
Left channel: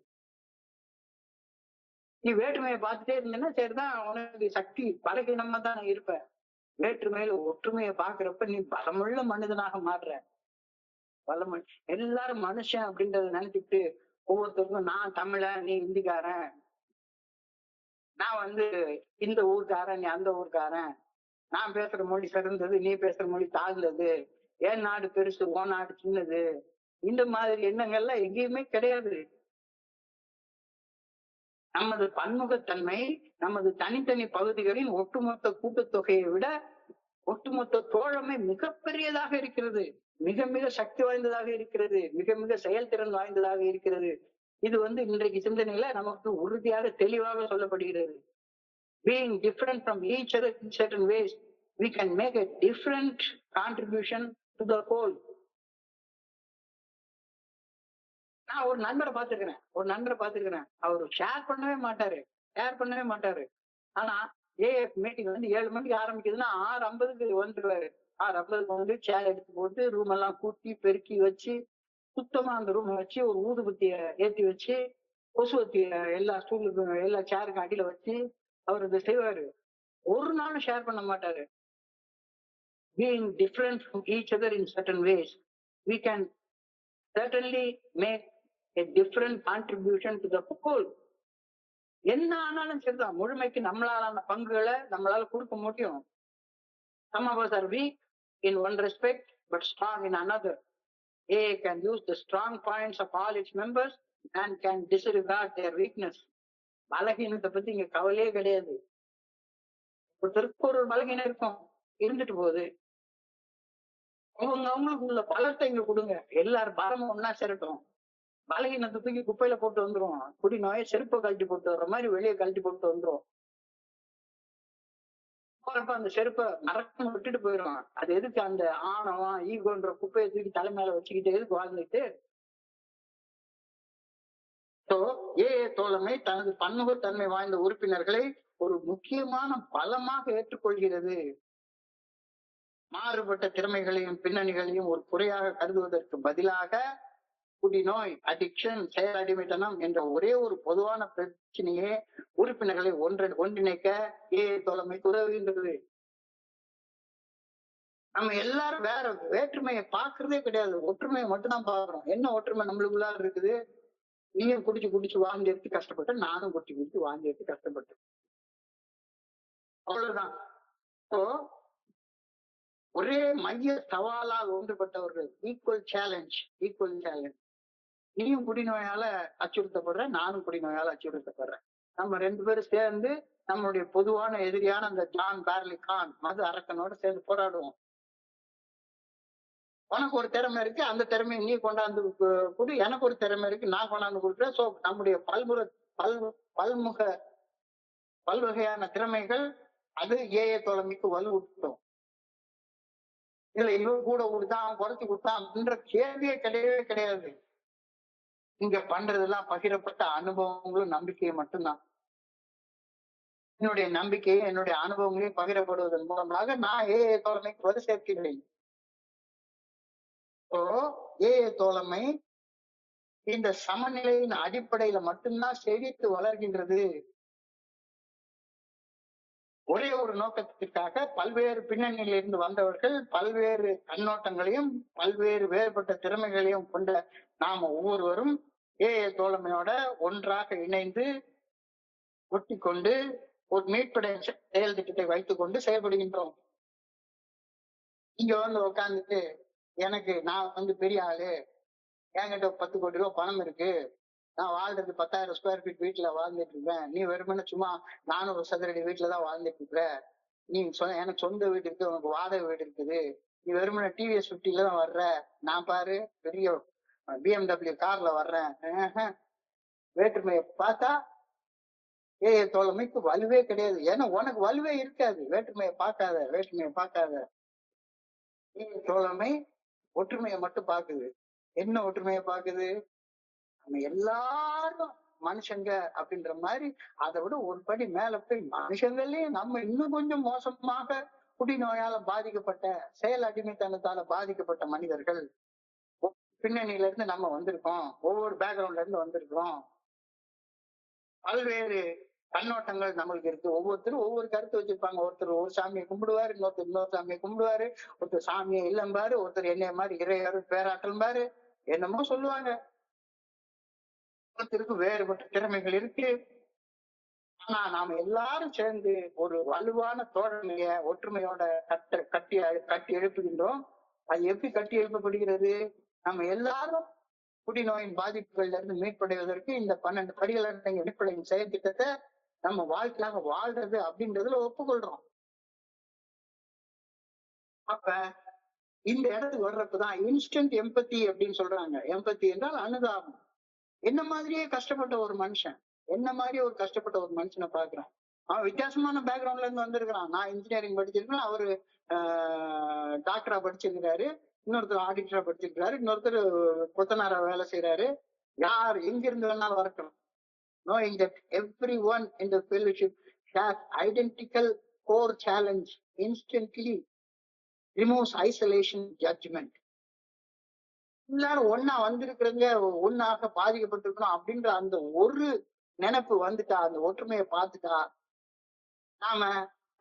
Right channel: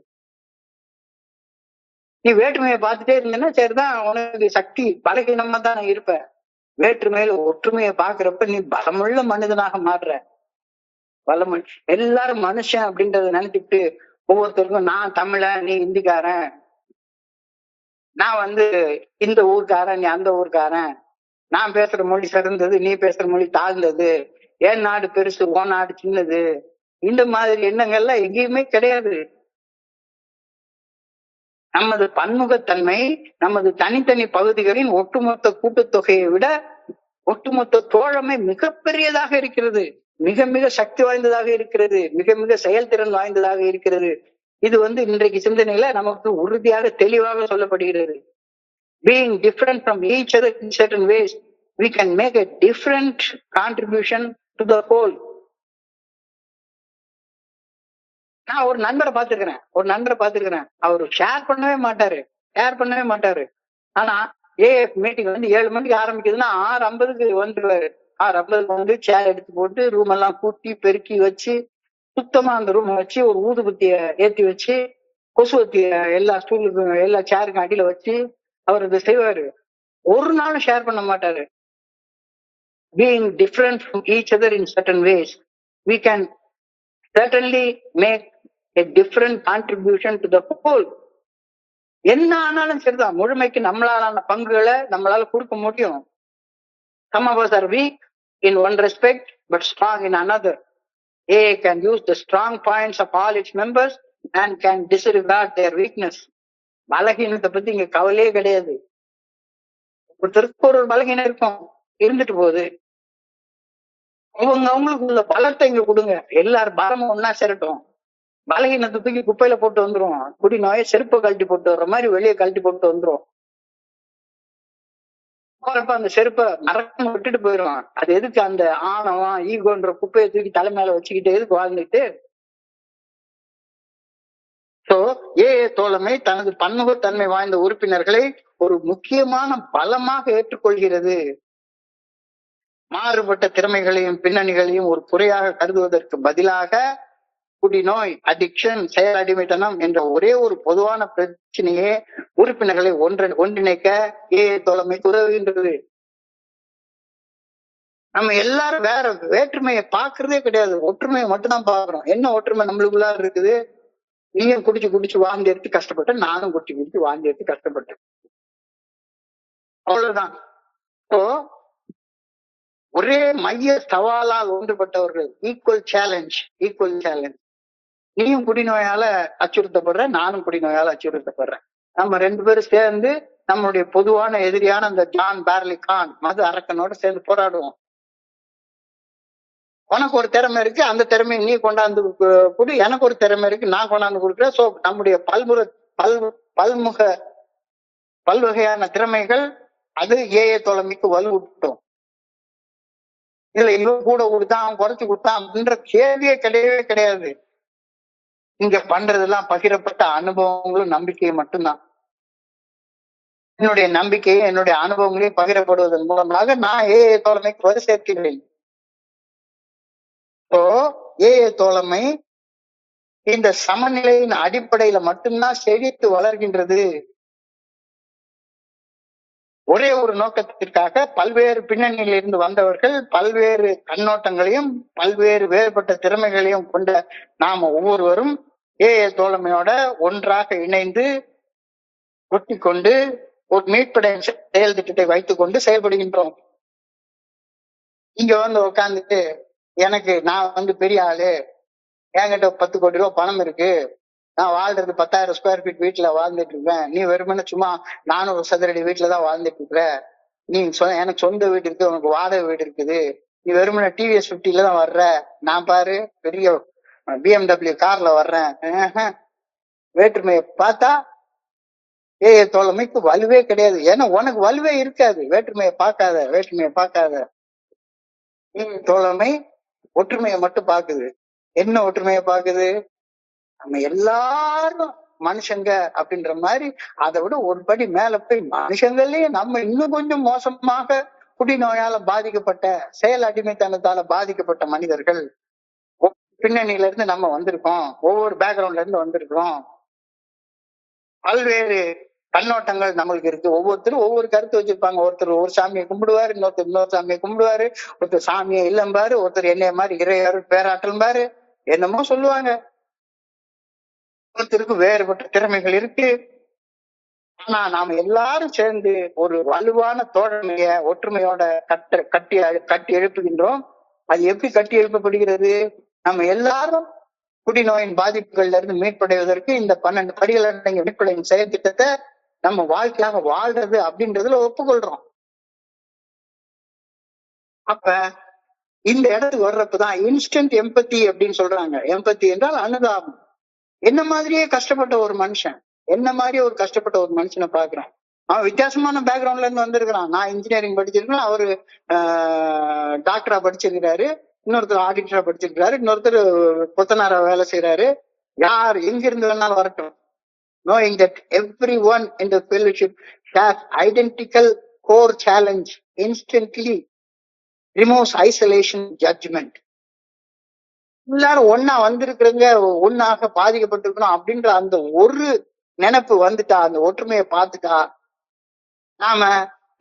நீ வேற்றுமையை பார்த்துட்டே இருந்தேன்னா சரிதான், உனக்கு சக்தி பலகீனமா தான் இருப்ப. வேற்றுமையில ஒற்றுமையை பாக்குறப்ப நீ பலமுள்ள மனிதனாக மாறுற. பலமன் எல்லாரும் மனுஷன் அப்படின்றத நினைச்சுட்டு ஒவ்வொருத்தருக்கும் நான் தமிழன், நீ இந்திக்காரன், நான் இந்த ஊர்க்காரன், நீ அந்த ஊர்க்காரன், நான் பேசுற மொழி சிறந்தது, நீ பேசுற மொழி தாழ்ந்தது, என் நாடு பெருசு, உன் நாடு சின்னது, இந்த மாதிரி எண்ணங்கள்லாம் எங்கேயுமே கிடையாது. நமது பன்முகத்தன்மை நமது தனித்தனி பகுதிகளின் ஒட்டுமொத்த கூட்டுத்தொகையை விட ஒட்டுமொத்த தோழமை மிகப்பெரியதாக இருக்கிறது, மிக மிக சக்தி வாய்ந்ததாக இருக்கிறது, மிக மிக செயல்திறன் வாய்ந்ததாக இருக்கிறது. இது இன்றைக்கு சிந்தனையில நமக்கு உறுதியாக தெளிவாக சொல்லப்படுகிறது. Being different from each other in certain ways, we can make a different contribution to the whole. நான் ஒரு நண்பரை பார்த்திருக்கிறேன். அவரு ஷேர் பண்ணவே மாட்டாரு. ஆனா ஏஎஃப் மீட்டிங் 7 மணிக்கு ஆரம்பிக்குதுன்னா 6:50க்கு வந்துருவாரு. 6:50க்கு சேர் எடுத்து போட்டு ரூம் எல்லாம் கூட்டி பெருக்கி வச்சு சுத்தமா அந்த ரூம் வச்சு ஒரு ஊதுபத்திய ஏத்தி வச்சு கொசுவத்திய எல்லா ஸ்டூலுக்கும் எல்லா சேருக்கும் அடியில வச்சு அவர் இதை செய்வாரு. ஒரு நாளும் ஷேர் பண்ண மாட்டாரு. Being different from each other in certain ways, we can certainly make a different contribution to the whole. என்ன ஆனாலும் சரிதான், முழுமைக்கு நம்மளாலான பங்குகளை நம்மளால கொடுக்க முடியும். Some of us are weak in one respect but strong in another. A can use the strong points of all its members and can disregard their weakness. பலகீனத்தை பத்தி இங்க கவலையே கிடையாது. ஒருத்தருக்கு ஒரு பலகீனம் இருக்கும், இருந்துட்டு போகுது. அவங்களுக்கு உள்ள பலத்தை இங்க கொடுங்க, எல்லாரும் பலமும் ஒன்னா சேரட்டும். பலகீனத்தை தூக்கி குப்பையில போட்டு வந்துரும். குடி நோயை செருப்பை கழட்டி போட்டு வர்ற மாதிரி வெளியே கழட்டி போட்டு வந்துரும். போறப்ப அந்த செருப்பை மறக்காம விட்டுட்டு போயிடும். அது எதுக்கு அந்த ஆணவம் ஈகோன்ற குப்பையை தூக்கி தலை மேல வச்சுக்கிட்டு எதுக்கு வாழ்ந்துட்டு? சோ ஏஏ தோழமை தனது பன்முகத்தன்மை வாய்ந்த உறுப்பினர்களை ஒரு முக்கியமான பலமாக ஏற்றுக்கொள்கிறது. மாறுபட்ட திறமைகளையும் பின்னணிகளையும் ஒரு குறையாக கருதுவதற்கு பதிலாக குடிநோய், அடிக்ஷன், செயல் அடிமைத்தனம் என்ற ஒரே ஒரு பொதுவான பிரச்சனையே உறுப்பினர்களை ஒன்றிணைக்க ஏஏ தோழமை உதவுகின்றது. நம்ம எல்லாரும் வேற வேற்றுமையை பாக்குறதே கிடையாது, ஒற்றுமையை மட்டும்தான் பாக்குறோம். என்ன ஒற்றுமை நம்மளுக்குள்ள இருக்குது? நீயும் குடிச்சு வாந்தி எடுத்து கஷ்டப்பட்ட, நானும் குடிச்சு வாந்தி எடுத்து கஷ்டப்பட்டேன், அவ்வளவுதான். ஒரே மைய சவாலால் ஒன்றுபட்டவர்கள். Equal challenge. நீயும் குடிநோயால அச்சுறுத்தப்படுற, நானும் குடிநோயால அச்சுறுத்தப்படுறேன். நம்ம 2 பேரும் சேர்ந்து நம்மளுடைய பொதுவான எதிரியான அந்த ஜான் பேர்லி கான் மது அரக்கனோட சேர்ந்து போராடுவோம். உனக்கு ஒரு திறமை இருக்கு, அந்த திறமையை நீ கொண்டாந்து கொடு, எனக்கு ஒரு திறமை இருக்கு, நான் கொண்டாந்து கொடுக்குறேன். சோ நம்முடைய பல்வகையான திறமைகள் அது ஏஏ தோழமைக்கு வலுவூட்டும். இதுல இவன் கூட கொடுத்தான், அவன் குறைச்சு கொடுத்தான் அப்படின்ற கேள்வியே கிடையவே கிடையாது. இங்க பண்றதெல்லாம் பகிரப்பட்ட அனுபவங்களும் நம்பிக்கையும் மட்டும்தான். என்னுடைய நம்பிக்கையை என்னுடைய அனுபவங்களையும் பகிரப்படுவதன் மூலமாக நான் ஏஏ தோழமைக்கு வலு சேர்க்கிறேன். ஏஏ தோழமை இந்த சமநிலையின் அடிப்படையில மட்டும்தான் செழித்து வளர்கின்றது. ஒரே ஒரு நோக்கத்திற்காக பல்வேறு பின்னணியில் இருந்து வந்தவர்கள் பல்வேறு கண்ணோட்டங்களையும் பல்வேறு வேறுபட்ட திறமைகளையும் கொண்ட நாம ஒவ்வொருவரும் ஏஏ தோழமையோட ஒன்றாக இணைந்து ஒட்டி கொண்டு ஒரு மீட்படை செயல் திட்டத்தை வைத்துக் கொண்டு செயல்படுகின்றோம். இங்க உட்காந்துட்டு நான் பெரிய ஆளு, என்கிட்ட 10 கோடி ரூபாய் பணம் இருக்கு, நான் வாழ்றது 10,000 ஸ்கொயர் ஃபீட் வீட்டுல வாழ்ந்துட்டு இருப்பேன், நீ வெறுமனே சும்மா 400 சதுரடி வீட்டுலதான் வாழ்ந்துட்டு இருக்கிற, நீ எனக்கு சொந்த வீடு இருக்கு, உனக்கு வாடகை வீடு இருக்குது, நீ வெறுமனே டிவிஎஸ் 50ல தான் வர்ற, நான் பாரு பெரிய BMW கார்ல வர்றேன். வேற்றுமையை பார்த்தா ஏஏ தோழமைக்கு வலுவே கிடையாது. ஏன்னா உனக்கு வலுவே இருக்காது. வேற்றுமையை பார்க்காத. ஏஏ தோழமை ஒற்றுமையை மட்டும் பாக்குது. என்ன ஒற்றுமையை பாக்குது? நம்ம எல்லாரும் மனுஷங்க அப்படின்ற மாதிரி அதை விட ஒரு படி மேல போய் மனுஷங்களே நம்ம இன்னும் கொஞ்சம் மோசமாக குடிநோயால பாதிக்கப்பட்ட, செயல் அடிமைத்தனத்தால பாதிக்கப்பட்ட மனிதர்கள். பின்னணியில இருந்து நம்ம வந்திருக்கோம், ஒவ்வொரு பேக்ரவுண்ட்ல இருந்து வந்திருக்கிறோம், பல்வேறு கண்ணோட்டங்கள் நம்மளுக்கு இருக்கு. ஒவ்வொருத்தரும் ஒவ்வொரு கருத்து வச்சிருப்பாங்க. ஒருத்தர் ஒரு சாமியை கும்பிடுவாரு, இன்னொருத்தர் இன்னொரு சாமியை கும்பிடுவாரு, ஒருத்தர் சாமியை இல்லம்பாரு, ஒருத்தர் என்னைய மாதிரி இறையாரு பேராற்றல்பாரு, என்னமோ சொல்லுவாங்க. ஒருத்தருக்கு வேறுபட்ட திறமைகள் இருக்கு. ஆனா நாம எல்லாரும் சேர்ந்து ஒரு வலுவான தோழமைய ஒற்றுமையோட கட்டி கட்டி எழுப்புகின்றோம். அது எப்படி கட்டி எழுப்பப்படுகிறது? நம்ம எல்லாரும் குடிநோயின் பாதிப்புகள்ல இருந்து மீட்படைவதற்கு இந்த 12 படிகள் அடங்கிய மீட்படையின் செயல் திட்டத்தை நம்ம வாழ்க்கையாக வாழ்றது அப்படின்றதுல ஒப்புக்கொள்றோம். அப்ப இந்த இடத்துக்கு வர்றப்பதான் இன்ஸ்டன்ட் எம்பத்தி அப்படின்னு சொல்றாங்க. எம்பத்தி என்றால் அனுதாபம். என்ன மாதிரியே கஷ்டப்பட்ட ஒரு மனுஷன், என்ன மாதிரியே ஒரு கஷ்டப்பட்ட ஒரு மனுஷனை பாக்குறேன். அவன் வித்தியாசமான பேக்ரவுண்ட்ல இருந்து வந்திருக்கிறான். நான் இன்ஜினியரிங் படிச்சிருக்கேன், அவரு டாக்டரா படிச்சிருக்கிறாரு, இன்னொருத்தர் ஆடிட்டரா படிச்சிருக்கிறாரு, இன்னொருத்தர் கொத்தனாரா வேலை செய்யறாரு. யார் எங்கிருந்து வேணாலும் வரட்டும். Knowing that everyone in the fellowship has identical core challenge instantly removes isolation judgment. எல்லாரும் ஒன்னா வந்திருக்கிறவங்க ஒன்னாக பாதிக்கப்பட்டிருக்கணும் அப்படின்ற அந்த ஒரு நினைப்பு வந்துட்டா, அந்த ஒற்றுமையை பார்த்துட்டா, நாம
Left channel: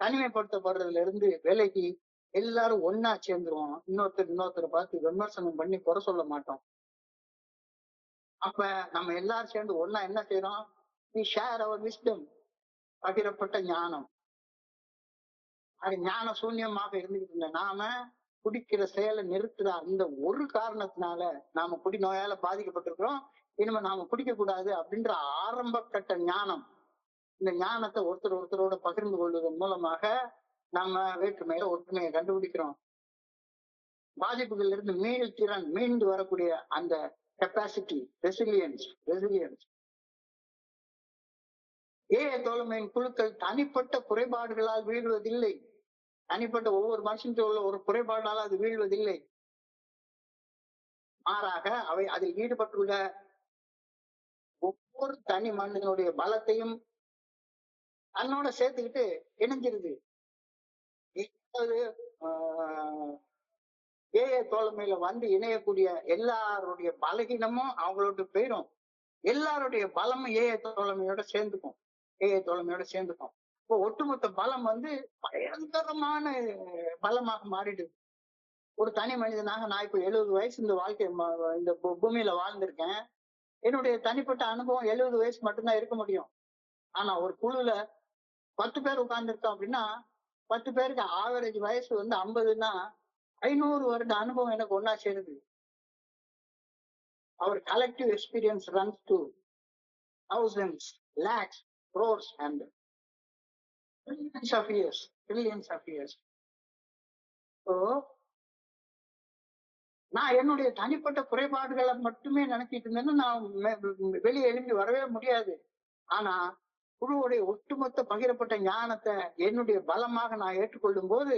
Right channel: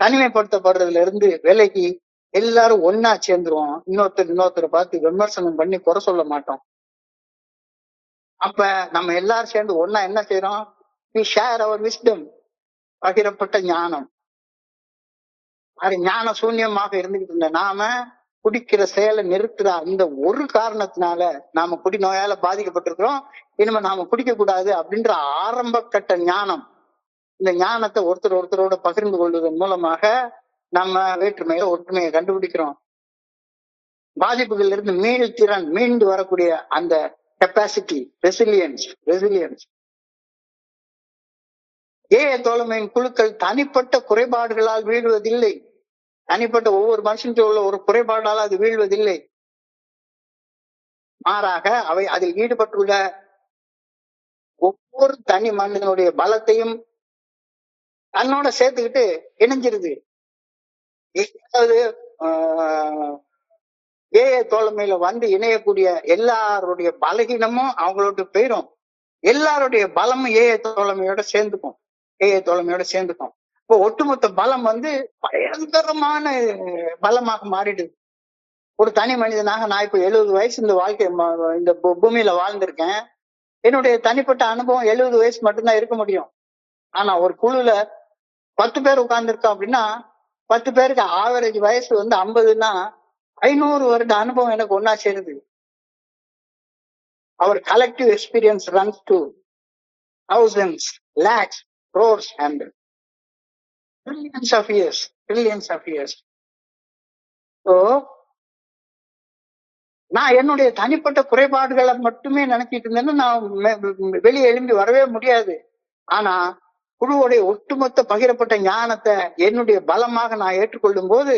தனிமைப்படுத்தப்படுறதுல இருந்து விலகி எல்லாரும் ஒன்னா சேர்ந்துருவோம். இன்னொருத்தரை பார்த்து விமர்சனம் பண்ணி குறை சொல்ல மாட்டோம். அப்ப நம்ம எல்லாரும் சேர்ந்து ஒன்னா என்ன செய்யறோம்? we share our wisdom. பகிரப்பட்ட ஞானம். அது ஞான சூன்யமாக இருந்துகிட்டு இருந்த நாம குடிக்கிற செயலை நிறுத்துற அந்த ஒரு காரணத்தினால நாம குடிநோயால பாதிக்கப்பட்டிருக்கிறோம். இனிமே நாம குடிக்க கூடாது அப்படின்ற ஆரம்ப கட்ட ஞானம். இந்த ஞானத்தை ஒருத்தரோட பகிர்ந்து கொள்வதன் மூலமாக நம்ம வேற்றுமையில ஒற்றுமையை கண்டுபிடிக்கிறோம். பாதிப்புகள்ல இருந்து மீண்டு வரக்கூடிய அந்த கெப்பாசிட்டி, ரெசிலியன்ஸ். தோழமையின் குழுக்கள் தனிப்பட்ட குறைபாடுகளால் வீழ்வதில்லை. தனிப்பட்ட ஒவ்வொரு மனுஷனுக்கு உள்ள ஒரு குறைபாடால் அது வீழ்வதில்லை. மாறாக அவை அதில் ஈடுபட்டுள்ள ஒவ்வொரு தனி மனிதனுடைய பலத்தையும் தன்னோட சேர்த்துக்கிட்டு இணைஞ்சிருது. ஏதாவது தோழமையில வந்து இணையக்கூடிய எல்லாருடைய பலகீனமும் அவங்களோட போயிடும். எல்லாருடைய பலமும் தோழமையோட சேர்ந்துக்கும். இப்போ ஒட்டுமொத்த பலம் வந்து பயங்கரமான பலமாக மாறிடுது. ஒரு தனி மனிதனாக நான் இப்ப 70 வயசு இந்த வாழ்க்கை இந்த பூமியில வாழ்ந்திருக்கேன். என்னுடைய தனிப்பட்ட அனுபவம் 70 வயசு மட்டும்தான் இருக்க முடியும். ஆனா ஒரு குழுல 10 பேர் உட்கார்ந்துருக்கோம் அப்படின்னா 10 பேருக்கு ஆவரேஜ் வயசு வந்து 50ன்னா 500 வருட அனுபவம் எனக்கு ஒன்னா சேருது. அவர் collective experience runs to thousands, lakhs, crores and trillions of years. So நான் என்னுடைய தனிப்பட்ட குறைபாடுகளை மட்டுமே நினைச்சிட்டு இருந்தேன்னா நான் வெளியே எழும்பி வரவே முடியாது. ஆனா குழுவுடைய ஒட்டுமொத்த பகிரப்பட்ட ஞானத்தை என்னுடைய பலமாக நான் ஏற்றுக்கொள்ளும் போது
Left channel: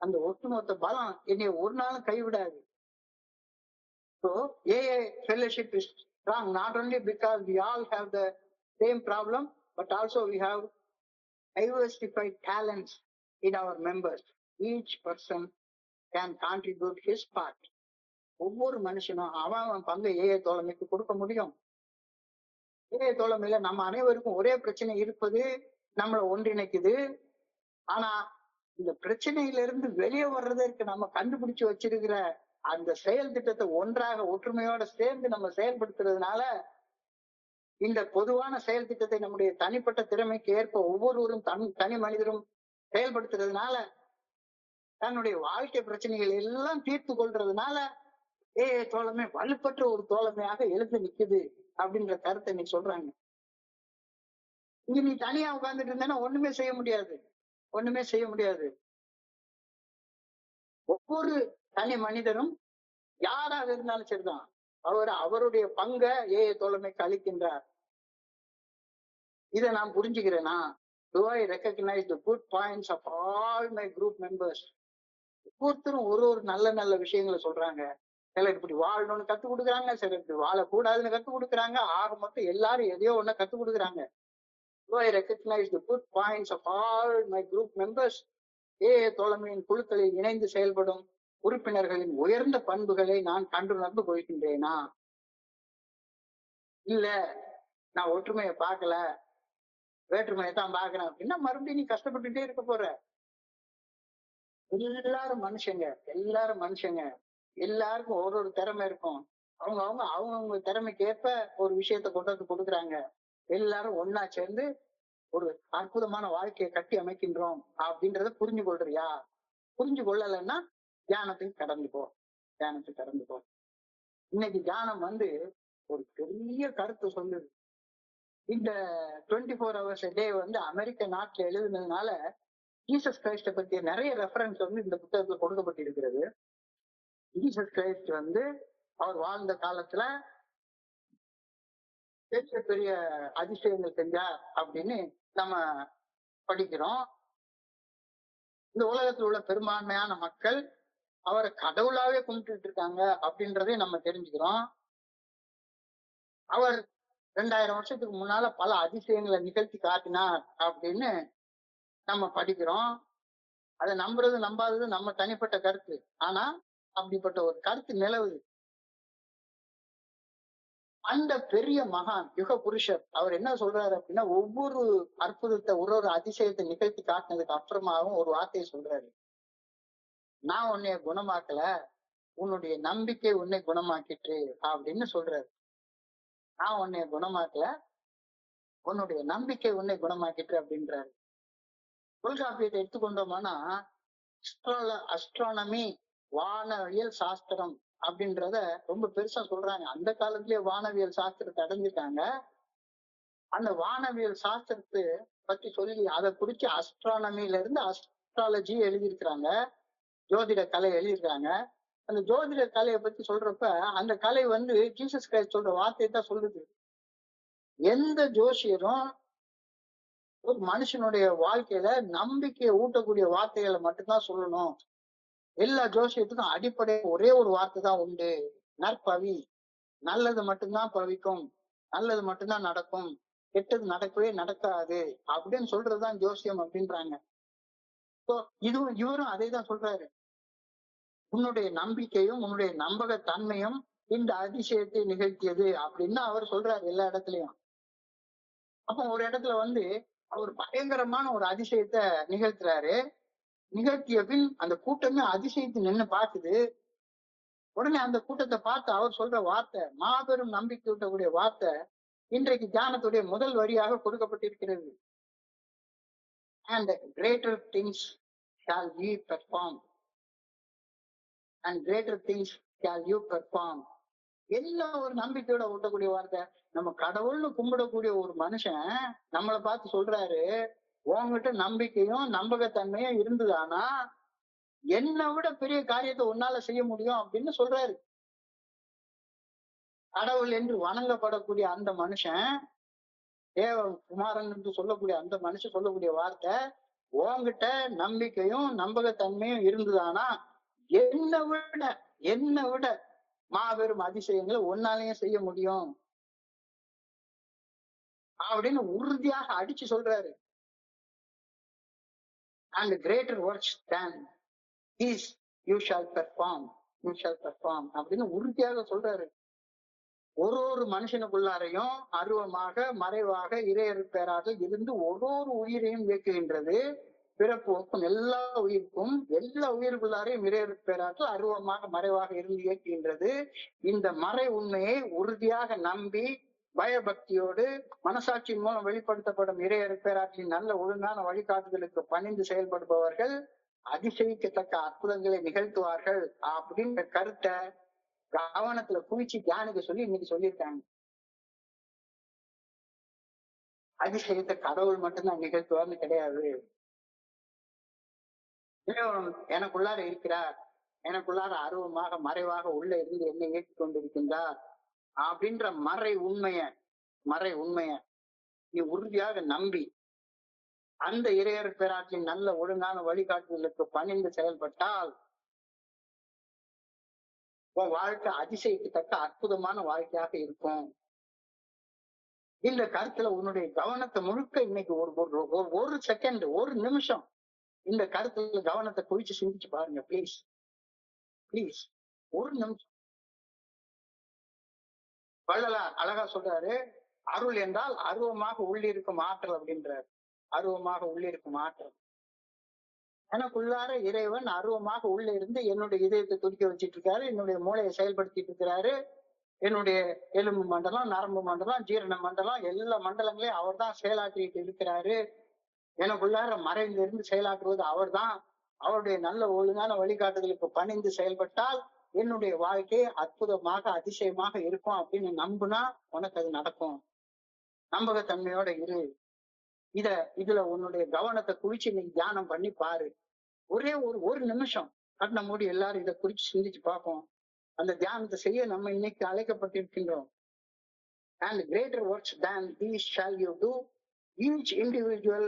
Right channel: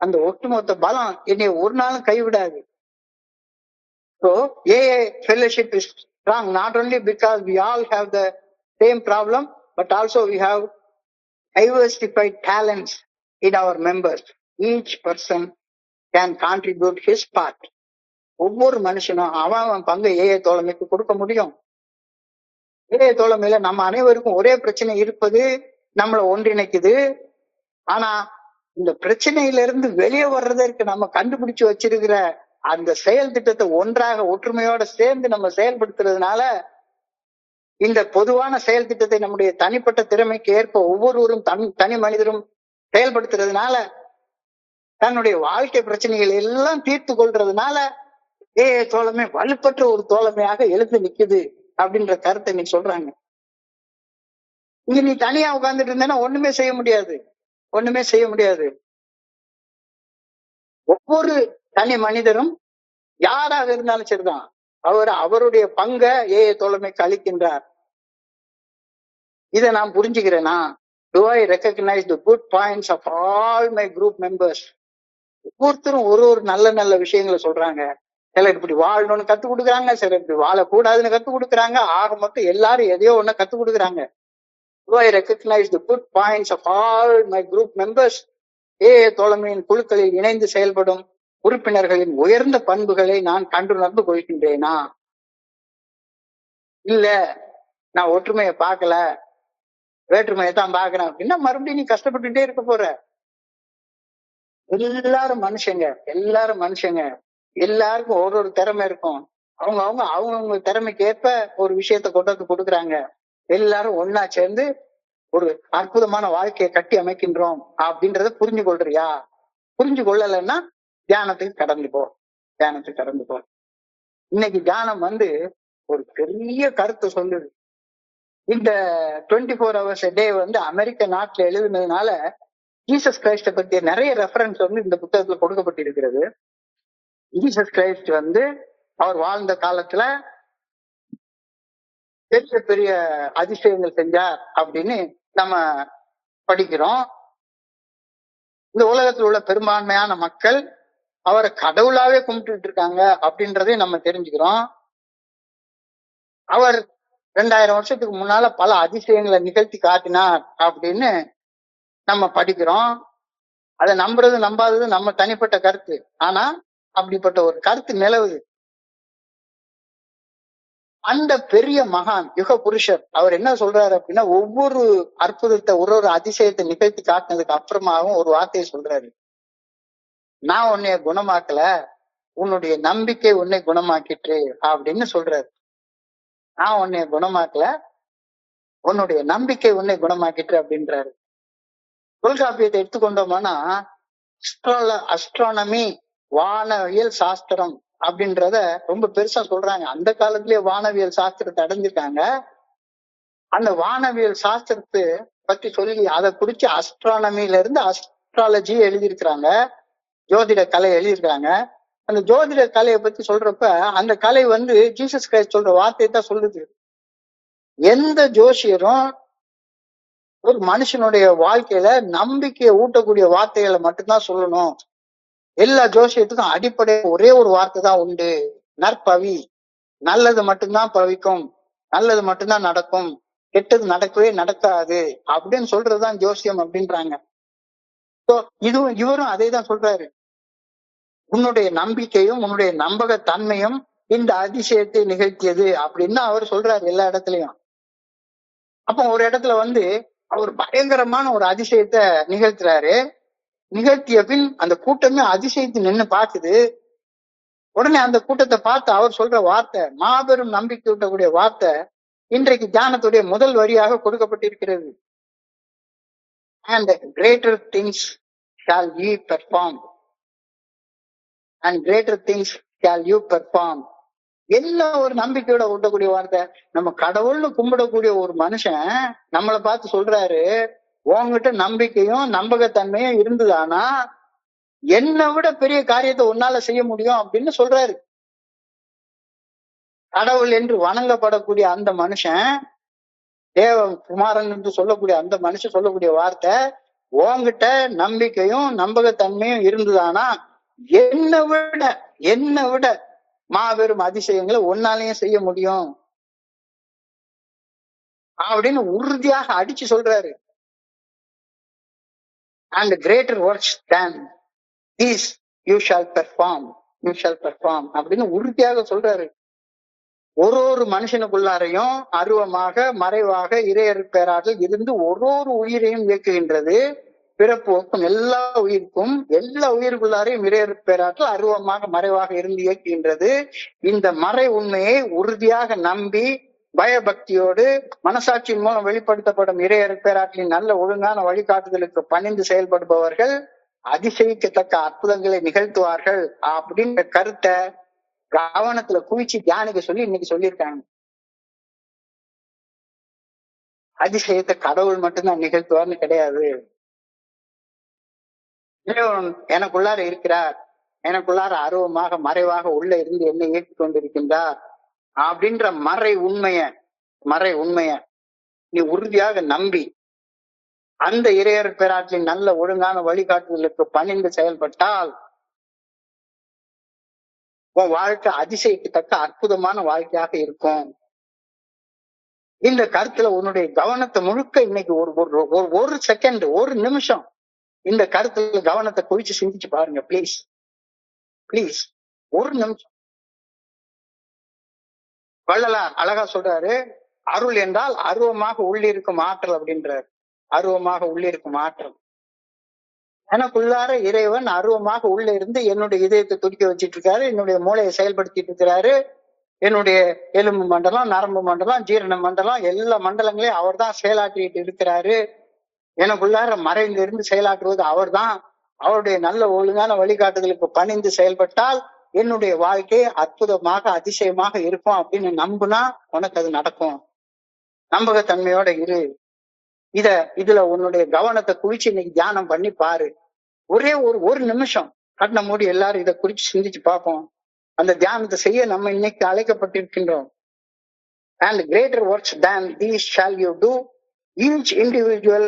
அந்த ஒட்டுமொத்த பலம் என்னை ஒரு நாளும் கைவிடாது. So AA fellowship is strong not only because we all have the same problem, but also we have diversified talents in our members. Each person can contribute his part. ஒவ்வொரு மனுஷனும் அவன் பங்கு தோழமைக்கு கொடுக்க முடியும். தோழமையில நம்ம அனைவருக்கும் ஒரே பிரச்சனை இருப்பது நம்மளை ஒன்றிணைக்குது. ஆனா இந்த பிரச்சனையில இருந்து வெளியே வர்றதற்கு நம்ம கண்டுபிடிச்சு வச்சிருக்கிற அந்த செயல் திட்டத்தை ஒன்றாக ஒற்றுமையோட சேர்ந்து நம்ம செயல்படுத்துறதுனால இந்த பொதுவான செயல் திட்டத்தை நம்முடைய தனிப்பட்ட திறமைக்கு ஏற்ப ஒவ்வொருவரும் தனி மனிதரும் செயல்படுத்துறதுனால தன்னுடைய வாழ்க்கை பிரச்சனைகள் எல்லாம் தீர்த்து கொள்றதுனால தோழமை வலுப்பற்ற ஒரு தோழமையாக எழுந்து நிக்குது அப்படின்ற கருத்தை நீ சொல்றாங்க. இங்க நீ தனியா உட்கார்ந்துட்டு இருந்தேன்னா ஒண்ணுமே செய்ய முடியாது. ஒவ்வொரு தனி மனிதரும் யாராக இருந்தாலும் சரிதான் அவருடைய பங்கை தோழமைக்கு அளிக்கின்றார். இதை நான் புரிஞ்சுக்கிறேனா? Do I recognize the good points of all my group members? ஒவ்வொருத்தரும் ஒரு நல்ல விஷயங்களை சொல்றாங்க. சிலர் இப்படி வாழணும்னு கத்து கொடுக்குறாங்க, சிலர் இப்படி வாழக்கூடாதுன்னு கத்து கொடுக்குறாங்க. ஆக மொத்தம் எல்லாரும் எதையோ ஒண்ணு கத்து கொடுக்குறாங்க. Do I recognize the good points of all my group members? தோழமையின் குழுக்களில் இணைந்து செயல்படும் உறுப்பினர்களின் உயர்ந்த பண்புகளை நான் கண்டுணர்ந்து கொள்கின்றேனா? இல்ல நான் ஒற்றுமையை பார்க்கல, வேற்றுமையை தான் பாக்குறேன் அப்படின்னா மறுபடியும் நீ கஷ்டப்பட்டுட்டே இருக்க போற. எல்லாரும் மனுஷங்க, எல்லாரும் மனுஷங்க, எல்லாருக்கும் ஒரு ஒரு திறமை இருக்கும். அவங்க திறமைக்கு ஏற்ப ஒரு விஷயத்த கொண்டு வந்து கொடுக்குறாங்க. எல்லாரும் ஒன்னா சேர்ந்து ஒரு அற்புதமான வாழ்க்கையை கட்டி அமைக்கின்றோம் அப்படின்றத புரிஞ்சு கொள்றியா? புரிஞ்சு கொள்ளலைன்னா தியானத்துக்கு கடந்து போ, தியானத்துக்கு கடந்து போ. இன்னைக்கு தியானம் ஒரு பெரிய கருத்தை சொல்லுது. இந்த 24 hours a day அமெரிக்க நாட்டுல எழுதுனதுனால ஜீசஸ் கிரைஸ்ட பத்திய நிறைய ரெஃபரன்ஸ் இந்த புத்தகத்துல கொடுக்கப்பட்டிருக்கிறது. ஜீசஸ் கிரைஸ்ட் அவர் வாழ்ந்த காலத்துல பெரிய பெரிய அதிசயங்கள் செஞ்சார் அப்படின்னு நம்ம படிக்கிறோம். இந்த உலகத்தில் உள்ள பெரும்பான்மையான மக்கள் அவரை கடவுளாவே கும்பிட்டு இருக்காங்க அப்படின்றதையும் நம்ம தெரிஞ்சுக்கிறோம். அவர் 2000 வருஷத்துக்கு முன்னால பல அதிசயங்களை நிகழ்த்தி காட்டினார் அப்படின்னு நம்ம படிக்கிறோம். அதை நம்புறது நம்பாதது நம்ம தனிப்பட்ட கருத்து. ஆனா அப்படிப்பட்ட ஒரு கருத்து நிலவுது. அந்த பெரிய மகான் யுக புருஷர் அவர் என்ன சொல்றாரு அப்படின்னா, ஒவ்வொரு அற்புதத்தை ஒரு அதிசயத்தை நிகழ்த்தி காட்டினதுக்கு அப்புறமாவும் ஒரு வார்த்தையை சொல்றாரு. நான் உன்னைய குணமாக்கல, உன்னுடைய நம்பிக்கை உன்னை குணமாக்கிட்டு அப்படின்னு சொல்றாரு. நான் உன்னைய குணமாக்கல, உன்னுடைய நம்பிக்கை உன்னை குணமாக்கிட்டு அப்படின்றாரு. தொல்காப்பியத்தை எடுத்துக்கொண்டோம்னா அஸ்ட்ரானமி வானவியல் சாஸ்திரம் அப்படின்றத ரொம்ப பெருசா சொல்றாங்க. அந்த காலத்திலேயே வானவியல் சாஸ்திரத்தை அடைஞ்சிருக்காங்க. அந்த வானவியல் சாஸ்திரத்தை பத்தி சொல்லி அதை குறிச்சு அஸ்ட்ரானமில இருந்து அஸ்ட்ராலஜி எழுதியிருக்கிறாங்க, ஜோதிட கலை எழுதியிருக்காங்க. அந்த ஜோதிட கலையை பத்தி சொல்றப்ப அந்த கலை ஜீசஸ் கிரைஸ்ட் சொல்ற வார்த்தையை தான் சொல்லுது. எந்த ஜோசியரும் ஒரு மனுஷனுடைய வாழ்க்கையில நம்பிக்கையை ஊட்டக்கூடிய வார்த்தைகளை மட்டும்தான் சொல்லணும். எல்லா ஜோசியத்துக்கும் அடிப்படை ஒரே ஒரு வார்த்தை தான் உண்டு, நற்பவி. நல்லது மட்டும்தான் பவிக்கும், நல்லது மட்டும்தான் நடக்கும், கெட்டது நடக்கவே நடக்காது அப்படின்னு சொல்றதுதான் ஜோசியம் அப்படின்றாங்க. இவரும் அதே தான் சொல்றாரு. உன்னுடைய நம்பிக்கையும் உன்னுடைய நம்பகத்தன்மையும் இந்த அதிசயத்தை நிகழ்த்தியது அப்படின்னு அவர் சொல்றாரு எல்லா இடத்துலயும். அப்போ ஒரு இடத்துல அவர் பயங்கரமான ஒரு அதிசயத்தை நிகழ்த்துறாரு. நிகழ்த்திய பின் அந்த கூட்டமே அதிசயத்தை நின்னு பாக்குது. உடனே அந்த கூட்டத்தை பார்த்து அவர் சொல்ற வார்த்தை, மாபெரும் நம்பிக்கை ஊட்டக்கூடிய வார்த்தை, இன்றைக்கு தியானத்துடைய முதல் வரியாக கொடுக்கப்பட்டிருக்கிறது. And greater things shall ye perform. And greater things shall you perform. எல்லாம் ஒரு நம்பிக்கையோட ஊட்டக்கூடிய வார்த்தை. நம்ம கடவுள்னு கும்பிடக்கூடிய ஒரு மனுஷன் நம்மளை பார்த்து சொல்றாரு, உங்ககிட்ட நம்பிக்கையும் நம்பகத்தன்மையும் இருந்ததானா என்னை விட பெரிய காரியத்தை உன்னால செய்ய முடியும் அப்படின்னு சொல்றாரு. கடவுள் என்று வணங்கப்படக்கூடிய அந்த மனுஷன், தேவ குமாரன் என்று சொல்லக்கூடிய அந்த மனுஷன் சொல்லக்கூடிய வார்த்தை, உன்கிட்ட நம்பிக்கையும் நம்பகத்தன்மையும் இருந்ததானா என்னை விட மாபெரும் அதிசயங்களை உன்னாலையும் செய்ய முடியும் அப்படின்னு உறுதியாக அடிச்சு சொல்றாரு. And greater works than these you shall perform, you shall perform அப்படின்னு உறுதியாக சொல்றாரு. ஒரு மனுஷனுக்குள்ளாரையும் அருவமாக மறைவாக இறையற்பேராற்றல் இருந்து ஒரு உயிரையும் இயக்குகின்றது. பிறப்பு ஒக்கும் எல்லா உயிருக்குள்ளாரையும் இறையற்பேராற்றல் அருவமாக மறைவாக இருந்து இயக்குகின்றது. இந்த மறை உண்மையை உறுதியாக நம்பி பயபக்தியோடு மனசாட்சியின் மூலம் வெளிப்படுத்தப்படும் இறையற்பேராற்றலின் நல்ல ஒழுங்கான வழிகாட்டுதலுக்கு பணிந்து செயல்படுபவர்கள் அதிசயிக்கத்தக்க அற்புதங்களை நிகழ்த்துவார்கள் அப்படின்ற கருத்தை கவனத்துல குவிச்சு தியானிக்க சொல்லி இன்னைக்கு சொல்லியிருக்காங்க. அதிசயத்தை கடவுள் மட்டும்தான் நிகழ்த்துவார்னு கிடையாது. எனக்குள்ளார இருக்கிறார், எனக்குள்ளார அருவமாக மறைவாக உள்ள இருந்து என்னை இயக்கி கொண்டிருக்கின்றார் அப்படின்ற மறை உண்மைய நீ உறுதியாக நம்பி அந்த இறையர் பேராற்றின் நல்ல ஒழுங்கான வழிகாட்டுதலுக்கு பணிந்து செயல்பட்டால் உன் வாழ்க்கை அதிசயிக்கத்தக்க அற்புதமான வாழ்க்கையாக இருக்கும். இந்த கருத்துல உன்னுடைய கவனத்தை முழுக்க இன்னைக்கு ஒரு செகண்ட், ஒரு நிமிஷம் இந்த கருத்துல கவனத்தை குவிச்சு சிந்திச்சு பாருங்க பிளீஸ். ஒரு நிமிஷம். வள்ளலார் அழகா சொல்றாரு, அருள் என்றால் அருவமாக உள்ளிருக்கும் ஆற்றல் அப்படின்றார். அருவமாக உள்ளிருக்கும் ஆற்றல். எனக்குள்ளார இறைவன் அருவமாக உள்ள இருந்து என்னுடைய இதயத்தை துடிக்க வச்சிட்டு இருக்காரு, என்னுடைய மூளையை செயல்படுத்திட்டு இருக்கிறாரு, என்னுடைய எலும்பு மண்டலம், நரம்பு மண்டலம், ஜீரண மண்டலம், எல்லா மண்டலங்களையும் அவர் தான் செயலாற்றிட்டு இருக்கிறாரு. எனக்குள்ளார மறைந்து இருந்து செயலாற்றுவது அவர் தான். அவருடைய நல்ல ஒழுங்கான வழிகாட்டுதலுக்கு பணிந்து செயல்பட்டால் என்னுடைய வாழ்க்கை அற்புதமாக அதிசயமாக இருக்கும் அப்படின்னு நம்புனா உனக்கு அது நடக்கும். நம்பகத்தன்மையோட இரு. இதுல உன்னுடைய கவனத்தை குவிச்சு இன்னைக்கு தியானம் பண்ணி பாரு. ஒரே ஒரு நிமிஷம் கண்ணை மூடி எல்லாரும் இதை குறிச்சு சிந்திச்சு பார்ப்போம். அந்த தியானத்தை செய்ய நம்ம இன்னைக்கு அழைக்கப்பட்டிருக்கின்றோம். And greater works than these shall you do. Each individual